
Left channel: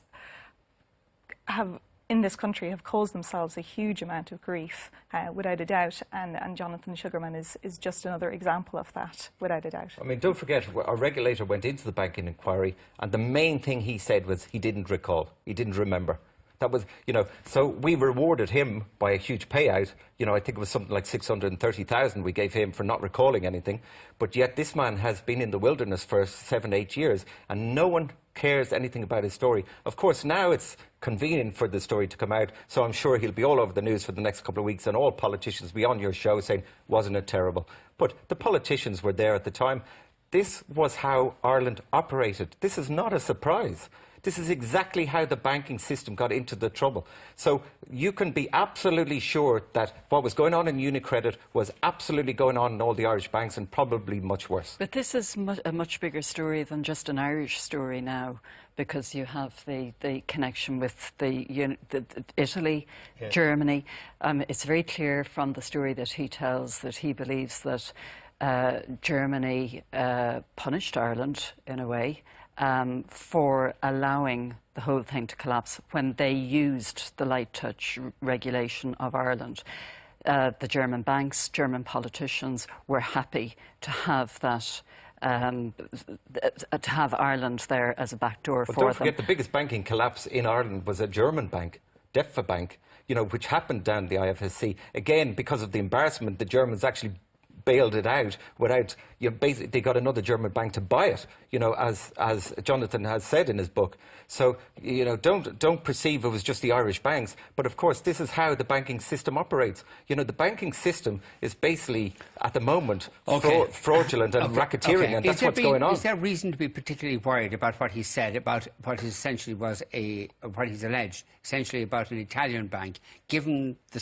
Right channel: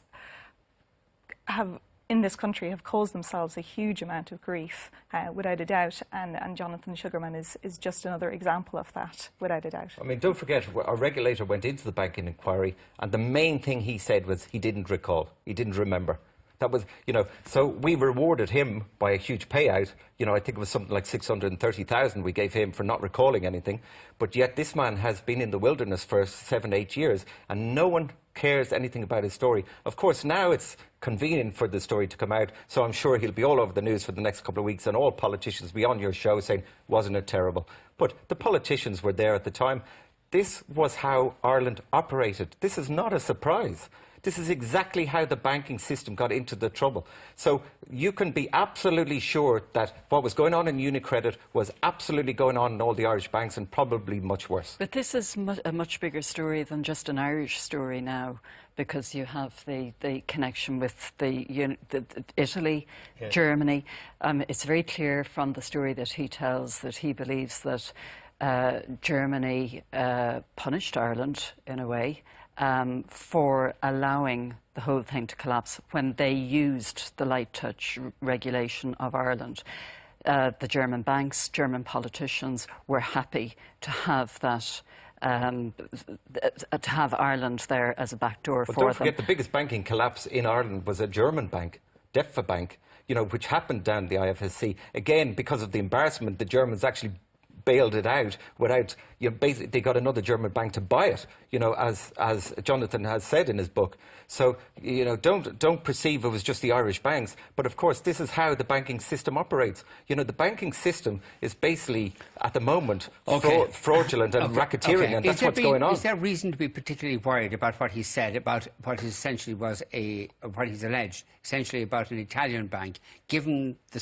in this country have caused themselves a huge amount of grief, without a doubt, and Jonathan Sugarman is just another example of that, without a doubt. I mean, don't forget, our regulator went into the banking inquiry, and the main thing he said was he didn't recall, he didn't remember. That was, you know, so we rewarded him by a huge payout. You know, I think it was something like 630,000 we gave him for not recalling anything. But yet this man has been in the wilderness for 7-8 years, and no one cares anything about his story. Of course, now it's convenient for the story to come out, so I'm sure he'll be all over the news for the next couple of weeks, and all politicians will be on your show saying, wasn't it terrible? But the politicians were there at the time. This was how Ireland operated. This is not a surprise. This is exactly how the banking system got into the trouble. So you can be absolutely sure that what was going on in UniCredit was absolutely going on in all the Irish banks, and probably much worse. But this is a much bigger story than just an Irish story now, because you have the connection with the Italy, yeah. Germany. It's very clear from the story that he tells that he believes that Germany punished Ireland in a way, for allowing the whole thing to collapse when they used the light touch regulation of Ireland. The German banks, German politicians were happy to have that, to have Ireland there as a backdoor for them. Don't forget, the biggest banking collapse in Ireland was a German bank, DEFA Bank, you know, which happened down the IFSC. Again, because of the embarrassment, the Germans actually bailed it out without, you know, basically they got another German bank to buy it, you know, as Jonathan has said in his book. So, you know, don't perceive it was just the Irish banks, but of course this is how the banking system operates. You know, the banking system is basically at the moment fraudulent and racketeering, and that's what's going on. Is there reason to be particularly worried about what he said, about what essentially was what he's alleged, essentially about an Italian bank, given the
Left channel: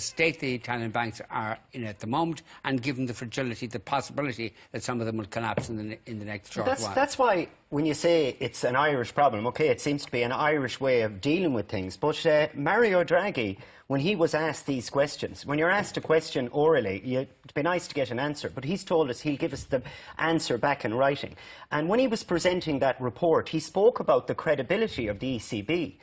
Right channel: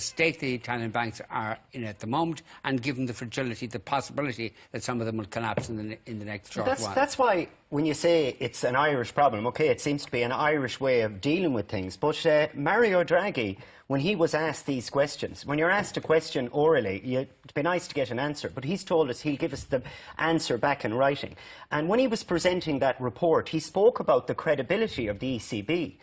state the Italian banks are in at the moment, and given the fragility, the possibility that some of them will collapse in the next short while? That's why when you say it's an Irish problem, okay, it seems to be an Irish way of dealing with things. But Mario Draghi, when he was asked these questions, when you're asked a question orally, it'd be nice to get an answer. But he's told us he'll give us the answer back in writing. And when he was presenting that report, he spoke about the credibility of the ECB.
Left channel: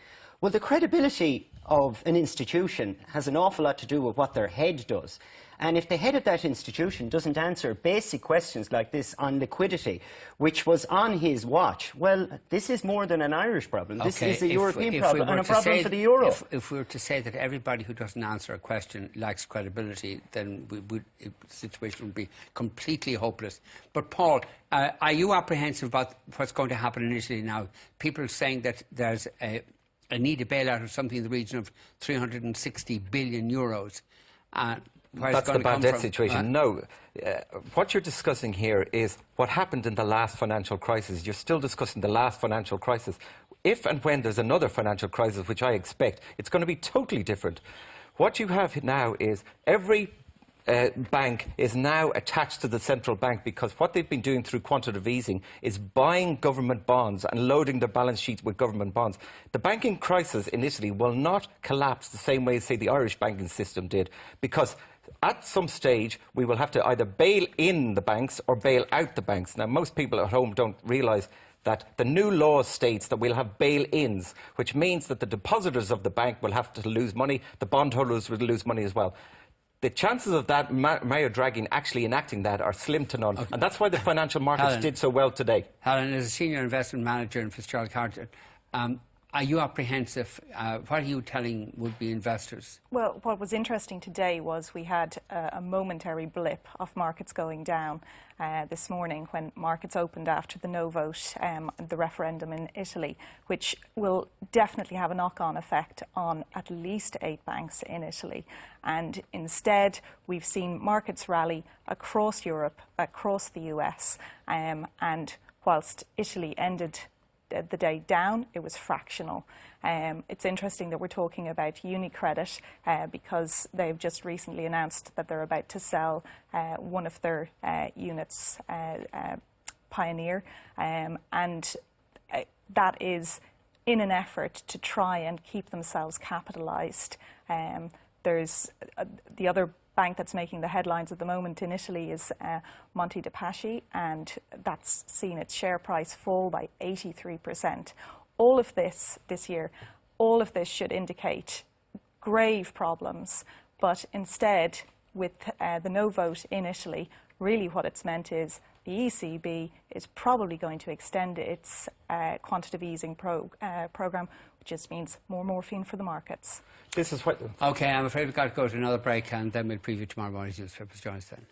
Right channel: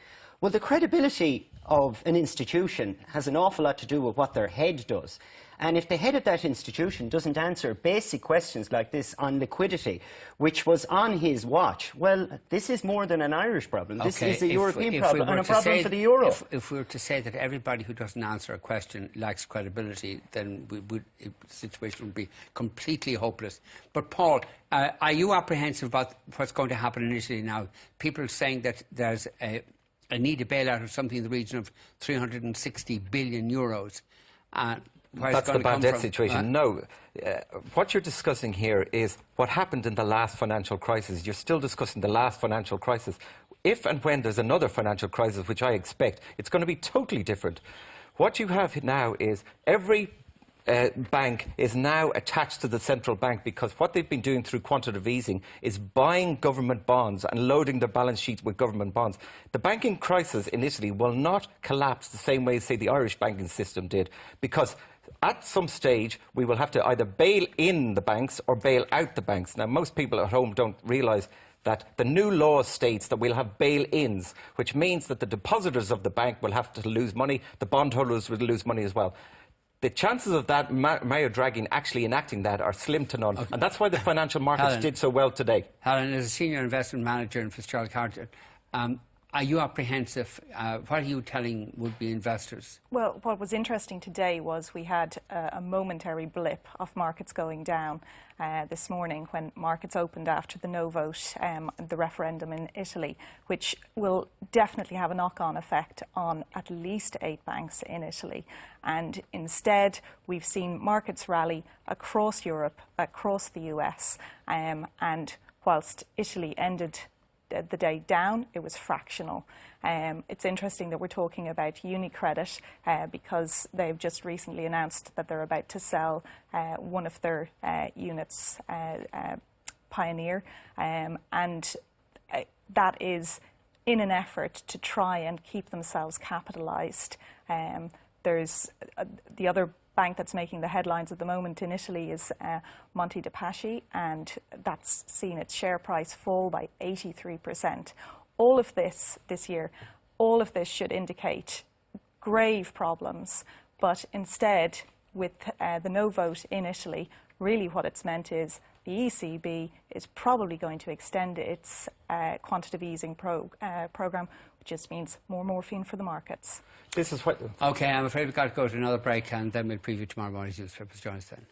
Well, the credibility of an institution has an awful lot to do with what their head does. And if the head of that institution doesn't answer basic questions like this on liquidity, which was on his watch, well, this is more than an Irish problem. This is a European problem and a problem for the euro. If we were to say that everybody who doesn't answer a question lacks credibility, then the situation would be completely hopeless. But Paul, are you apprehensive about what's going to happen in Italy now? People are saying that there's a need a bailout of something in the region of 360 billion euros. That's the bad debt situation. No. What you're discussing here is what happened in the last financial crisis. You're still discussing the last financial crisis. If and when there's another financial crisis, which I expect, it's going to be totally different. What you have now is every bank is now attached to the central bank, because what they've been doing through quantitative easing is buying government bonds and loading their balance sheets with government bonds. The banking crisis in Italy will not collapse the same way, say, the Irish banking system did, because at some stage we will have to either bail in the banks or bail out the banks. Now, most people at home don't realise that the new law states that we'll have bail-ins, which means that the depositors of the bank will have to lose money, the bondholders will lose money as well. The chances of that, Mario Draghi actually enacting that, are slim to none. Okay. And that's why the financial markets Hellen, did so well today. Hellen, as a senior investment manager in Fitzgerald Carter, are you apprehensive? What are you telling would-be investors? Well, what was interesting today was we had a momentary blip of markets going down this morning when markets opened after the no vote, the referendum in Italy, which will definitely have a knock-on effect on at least 8 banks in Italy. And instead, we've seen markets rally across Europe, across the US, and whilst Italy ended the day down, it was fractional. It's interesting that we're talking about UniCredit because they've just recently announced that they're about to sell one of their units, Pioneer, and that is in an effort to try and keep themselves capitalised. There's the other bank that's making the headlines at the moment in Italy is Monte dei Paschi, and that's seen its share price fall by 83%. All of this year, all of this should indicate grave problems, but instead, with the no vote in Italy, really what it's meant is the ECB is probably going to extend its quantitative easing program, which just means more morphine for the markets. This is what... OK, I'm afraid we've got to go to another break, and then we'll preview tomorrow morning's newspapers. Join us then.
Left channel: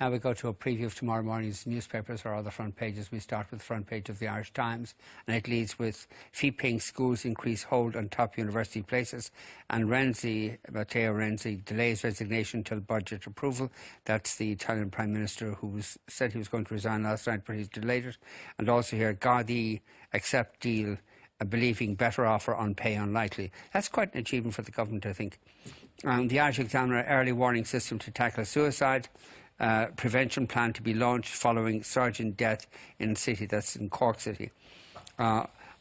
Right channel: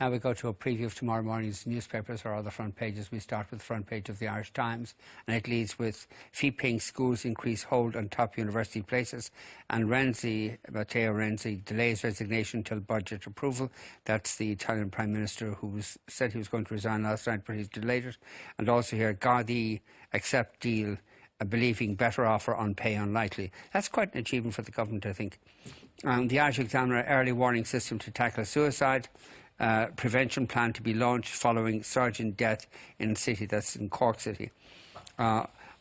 Now we go to a preview of tomorrow morning's newspapers, or other front pages. We start with the front page of the Irish Times, and it leads with fee-paying schools increase hold on top university places, and Matteo Renzi delays resignation until budget approval. That's the Italian Prime Minister who said he was going to resign last night, but he's delayed it. And also here, Gardaí accept deal, believing better offer on pay unlikely. That's quite an achievement for the government, I think. The Irish Examiner, early warning system to tackle suicide. Prevention plan to be launched following surgeon death in city, that's in Cork City.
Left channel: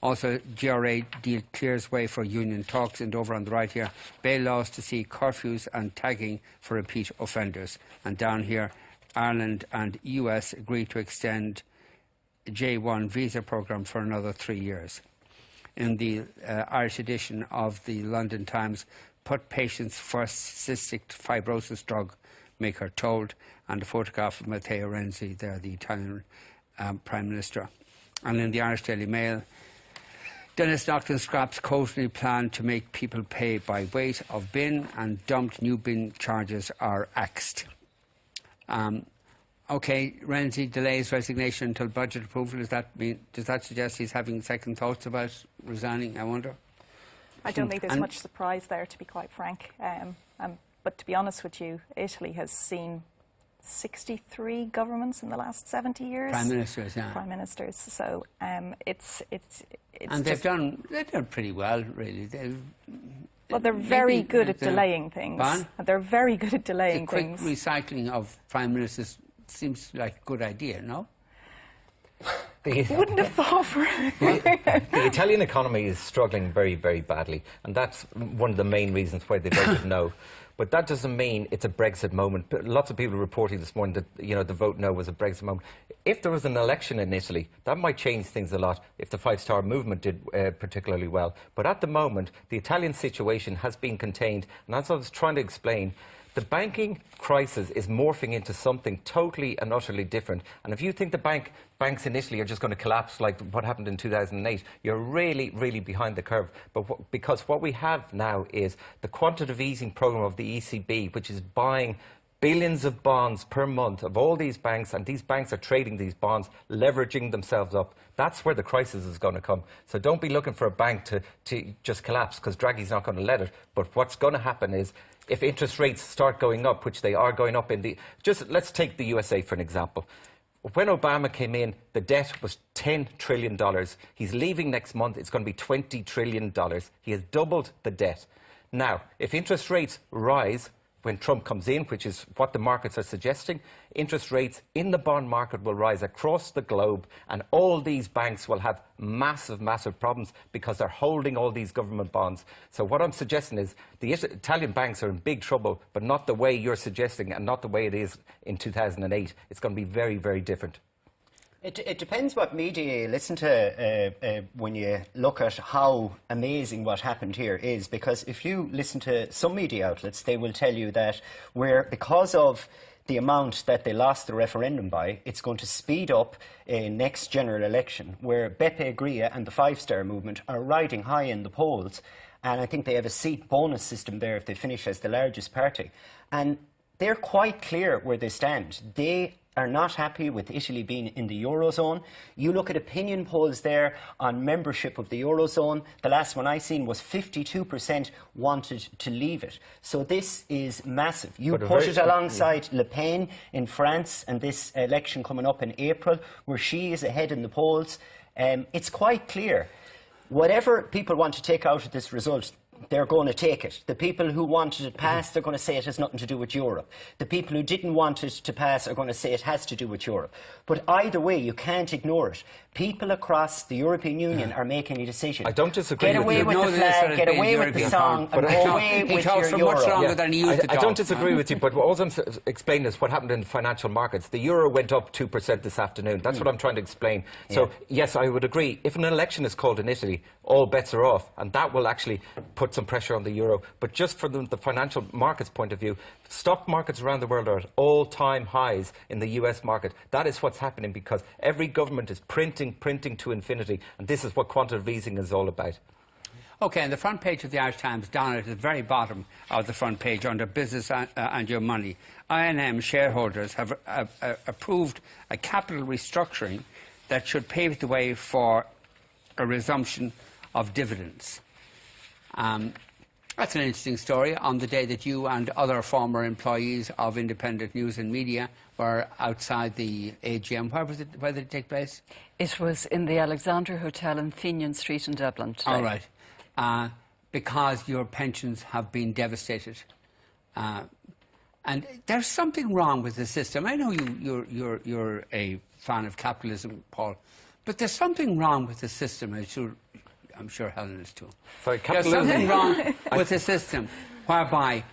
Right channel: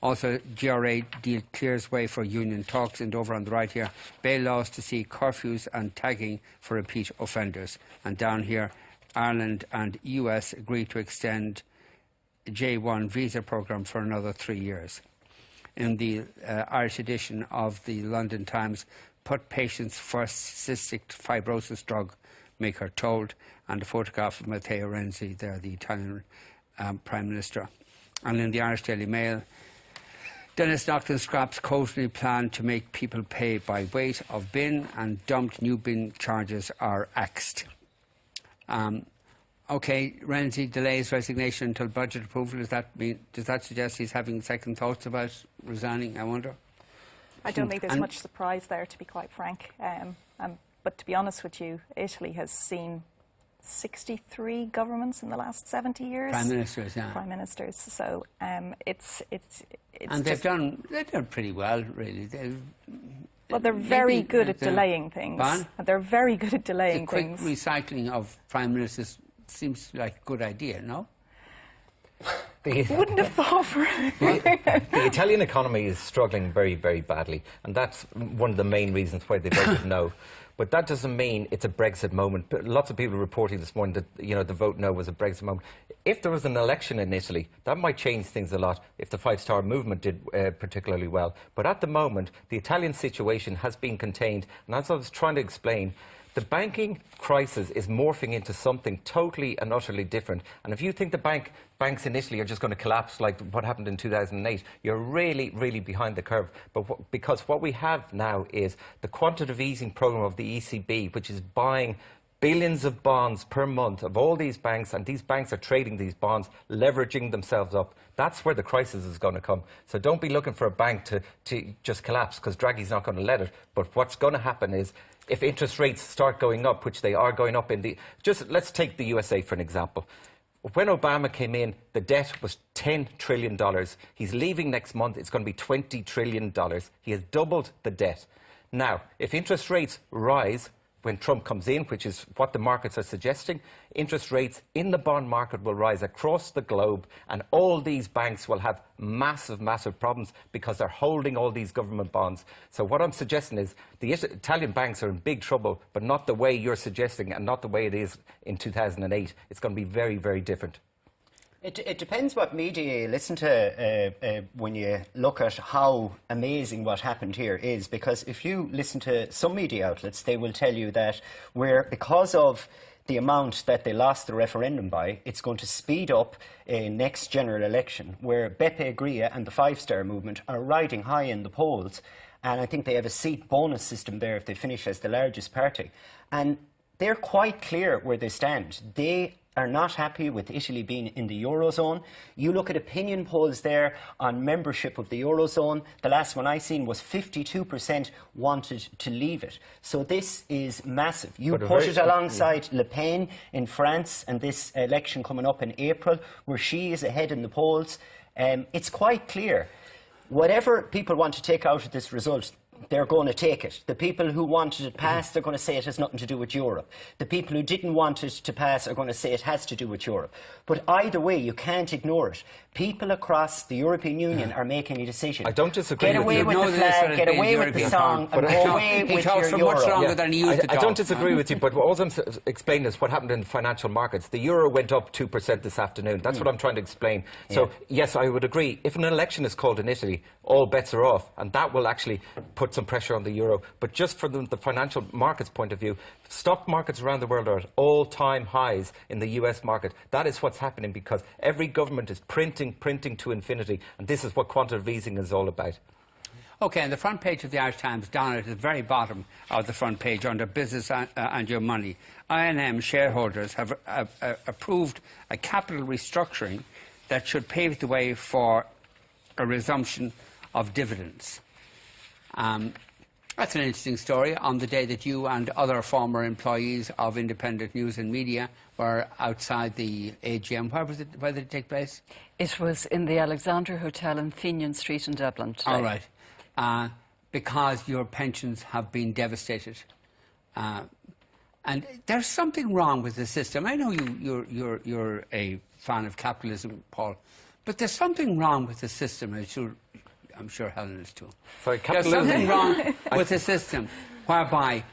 Also, GRA deal clears way for union talks, and over on the right here, bail laws to see curfews and tagging for repeat offenders. And down here, Ireland and US agree to extend J1 visa programme for another 3 years. In the Irish edition of the London Times, put patients first cystic fibrosis drug maker told, and a photograph of Matteo Renzi there, the Italian Prime Minister. And in the Irish Daily Mail, Dennis Naughton scraps Coatley plan to make people pay by weight of bin, and dumped new bin charges are axed. OK, Renzi delays resignation until budget approval. Does that suggest he's having second thoughts about resigning, I wonder? I don't think there's much surprise there, to be quite frank. But to be honest with you, Italy has seen 63 governments in the last 70 years. Prime ministers, yeah. Prime ministers. So it's and they've done pretty well, really. They're very good at delaying things. They're very good at delaying things. The quick recycling of prime ministers seems like a good idea, no? Wouldn't have thought for it. The Italian economy is struggling very, very badly, and that's one of the main reasons why they voted no. But that doesn't mean it's a Brexit moment. Lots of people are reporting this morning that the vote no was a Brexit moment. If there was an election in Italy, that might change things a lot if the Five Star Movement did particularly well. But at the moment, the Italian situation has been contained, and as I was trying to explain, the banking crisis is morphing into something totally and utterly different. And if you think the banks in Italy are just going to collapse like what happened in 2008, you're really, really behind the curve. Because what we have now is the quantitative easing program of the ECB, which is buying billions of bonds per month of all these banks, and these banks are trading these bonds, leveraging themselves up. That's where the crisis is going to come. So don't be looking for a bank to just collapse, because Draghi's not going to let it. But what's going to happen is, if interest rates start going up, which they are going up let's take the USA for an example. When Obama came in, the debt was $10 trillion. He's leaving next month. It's going to be $20 trillion. He has doubled the debt. Now, if interest rates rise when Trump comes in, which is what the markets are suggesting, interest rates in the bond market will rise across the globe, and all these banks will have massive, massive problems because they're holding all these government bonds. So what I'm suggesting is the Italian banks are in big trouble, but not the way you're suggesting and not the way it is in 2008. It's going to be very, very different. It depends what media you listen to when you look at how amazing what happened here is, because if you listen to some media outlets, they will tell you that because of the amount that they lost the referendum by, it's going to speed up a next general election where Beppe Grillo and the Five Star Movement are riding high in the polls, and I think they have a seat bonus system there if they finish as the largest party. And they're quite clear where they stand. They are not happy with Italy being in the Eurozone. You look at opinion polls there on membership of the Eurozone. The last one I seen was 52% wanted to leave it. So this is massive. You put it alongside Le Pen in France and this election coming up in April, where she is ahead in the polls. It's quite clear. Whatever people want to take out of this result, they're going to take it. The people who wanted it passed, they're going to say it has nothing to do with Europe. The people who didn't want it to pass are going to say it has to do with Europe. But either way, you can't ignore it. People across the European Union are making a decision. I don't disagree with you. Get away with the flag, get away with the song, and go away with your Euro. I don't disagree with you, but what I'm explaining is what happened in financial markets. The euro went up 2% this afternoon. That's what I'm trying to explain. So, yes, I would agree. If an election is called in Italy, all bets are off, and that will actually put some pressure on the euro. But just from the financial markets point of view, stock markets around the world are at all-time highs in the US market. That is what's happening because every government is printing to infinity, and this is what quantitative easing is all about. Okay, on the front page of the Irish Times, down at the very bottom of the front page, under Business and Your Money, I&M shareholders have approved a capital restructuring that should pave the way for a resumption of dividends. That's an interesting story on the day that you and other former employees of Independent News and Media were outside the AGM. Where did it take place? It was in the Alexandra Hotel in Fenian Street in Dublin today. All right. Because your pensions have been devastated. And there's something wrong with the system. I know you're a fan of capitalism, Paul, but there's something wrong with the system, as I'm sure Hellen is too. Sorry, there's something wrong with the system whereby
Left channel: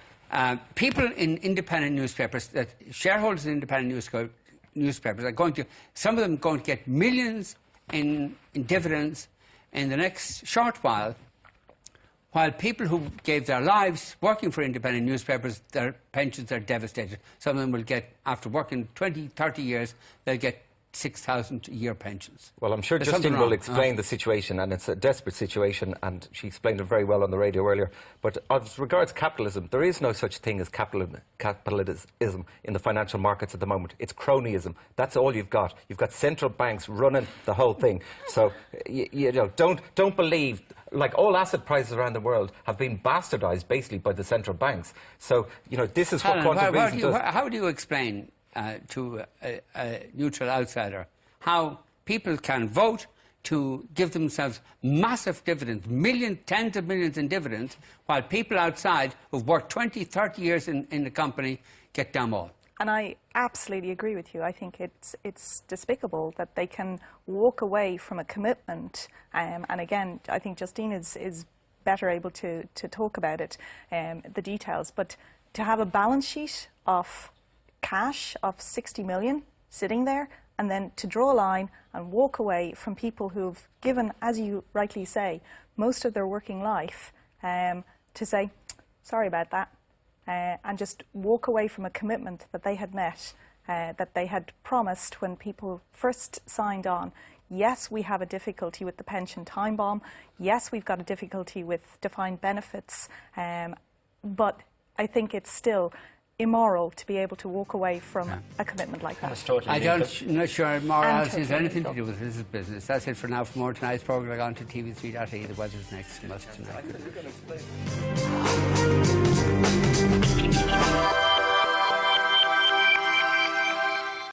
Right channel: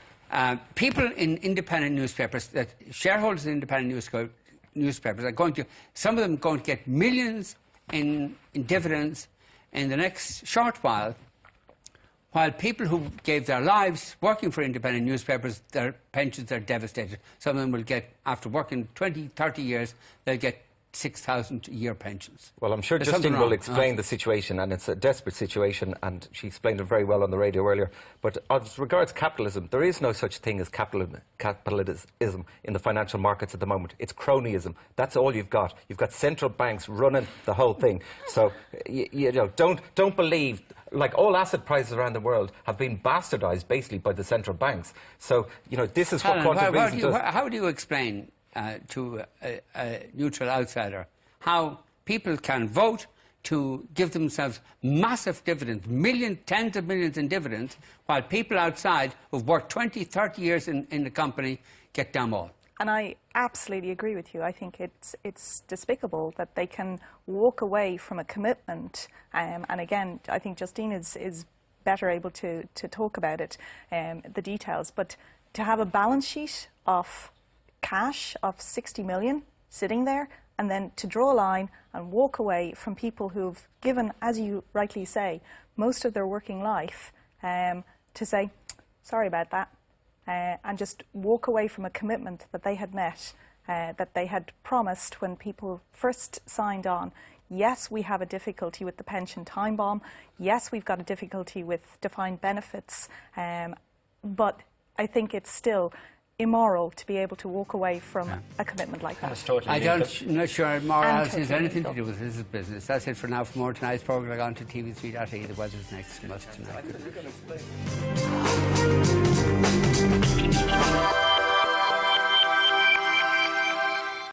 people in independent newspapers, that shareholders in independent newspapers are going to, some of them going to get millions in dividends in the next short while people who gave their lives working for independent newspapers, their pensions are devastated. Some of them will get, after working 20, 30 years, they'll get 6,000 a year pensions. Well, I'm sure Justine will explain the situation, and it's a desperate situation, and she explained it very well on the radio earlier. But as regards capitalism, there is no such thing as capitalism in the financial markets at the moment. It's cronyism. That's all you've got. You've got central banks running the whole thing. So, don't believe, like all asset prices around the world have been bastardized basically by the central banks. So, this is what quantitative easing does. How do you explain to a neutral outsider how people can vote to give themselves massive dividends, tens of millions in dividends, while people outside who've worked 20, 30 years in the company get damn all? And I absolutely agree with you. I think it's despicable that they can walk away from a commitment. And again, I think Justine is better able to talk about it, the details. But to have a balance sheet of cash of 60 million sitting there, and then to draw a line and walk away from people who've given, as you rightly say, most of their working life, to say, sorry about that. And just walk away from a commitment that they had met, that they had promised when people first signed on. Yes, we have a difficulty with the pension time bomb. Yes, we've got a difficulty with defined benefits. But I think it's still immoral to be able to walk away from a commitment like that. I'm not sure morality has anything to do with this business. That's it for now. For more tonight's programme, log on to TV3.ie. The weather's next. Must tonight.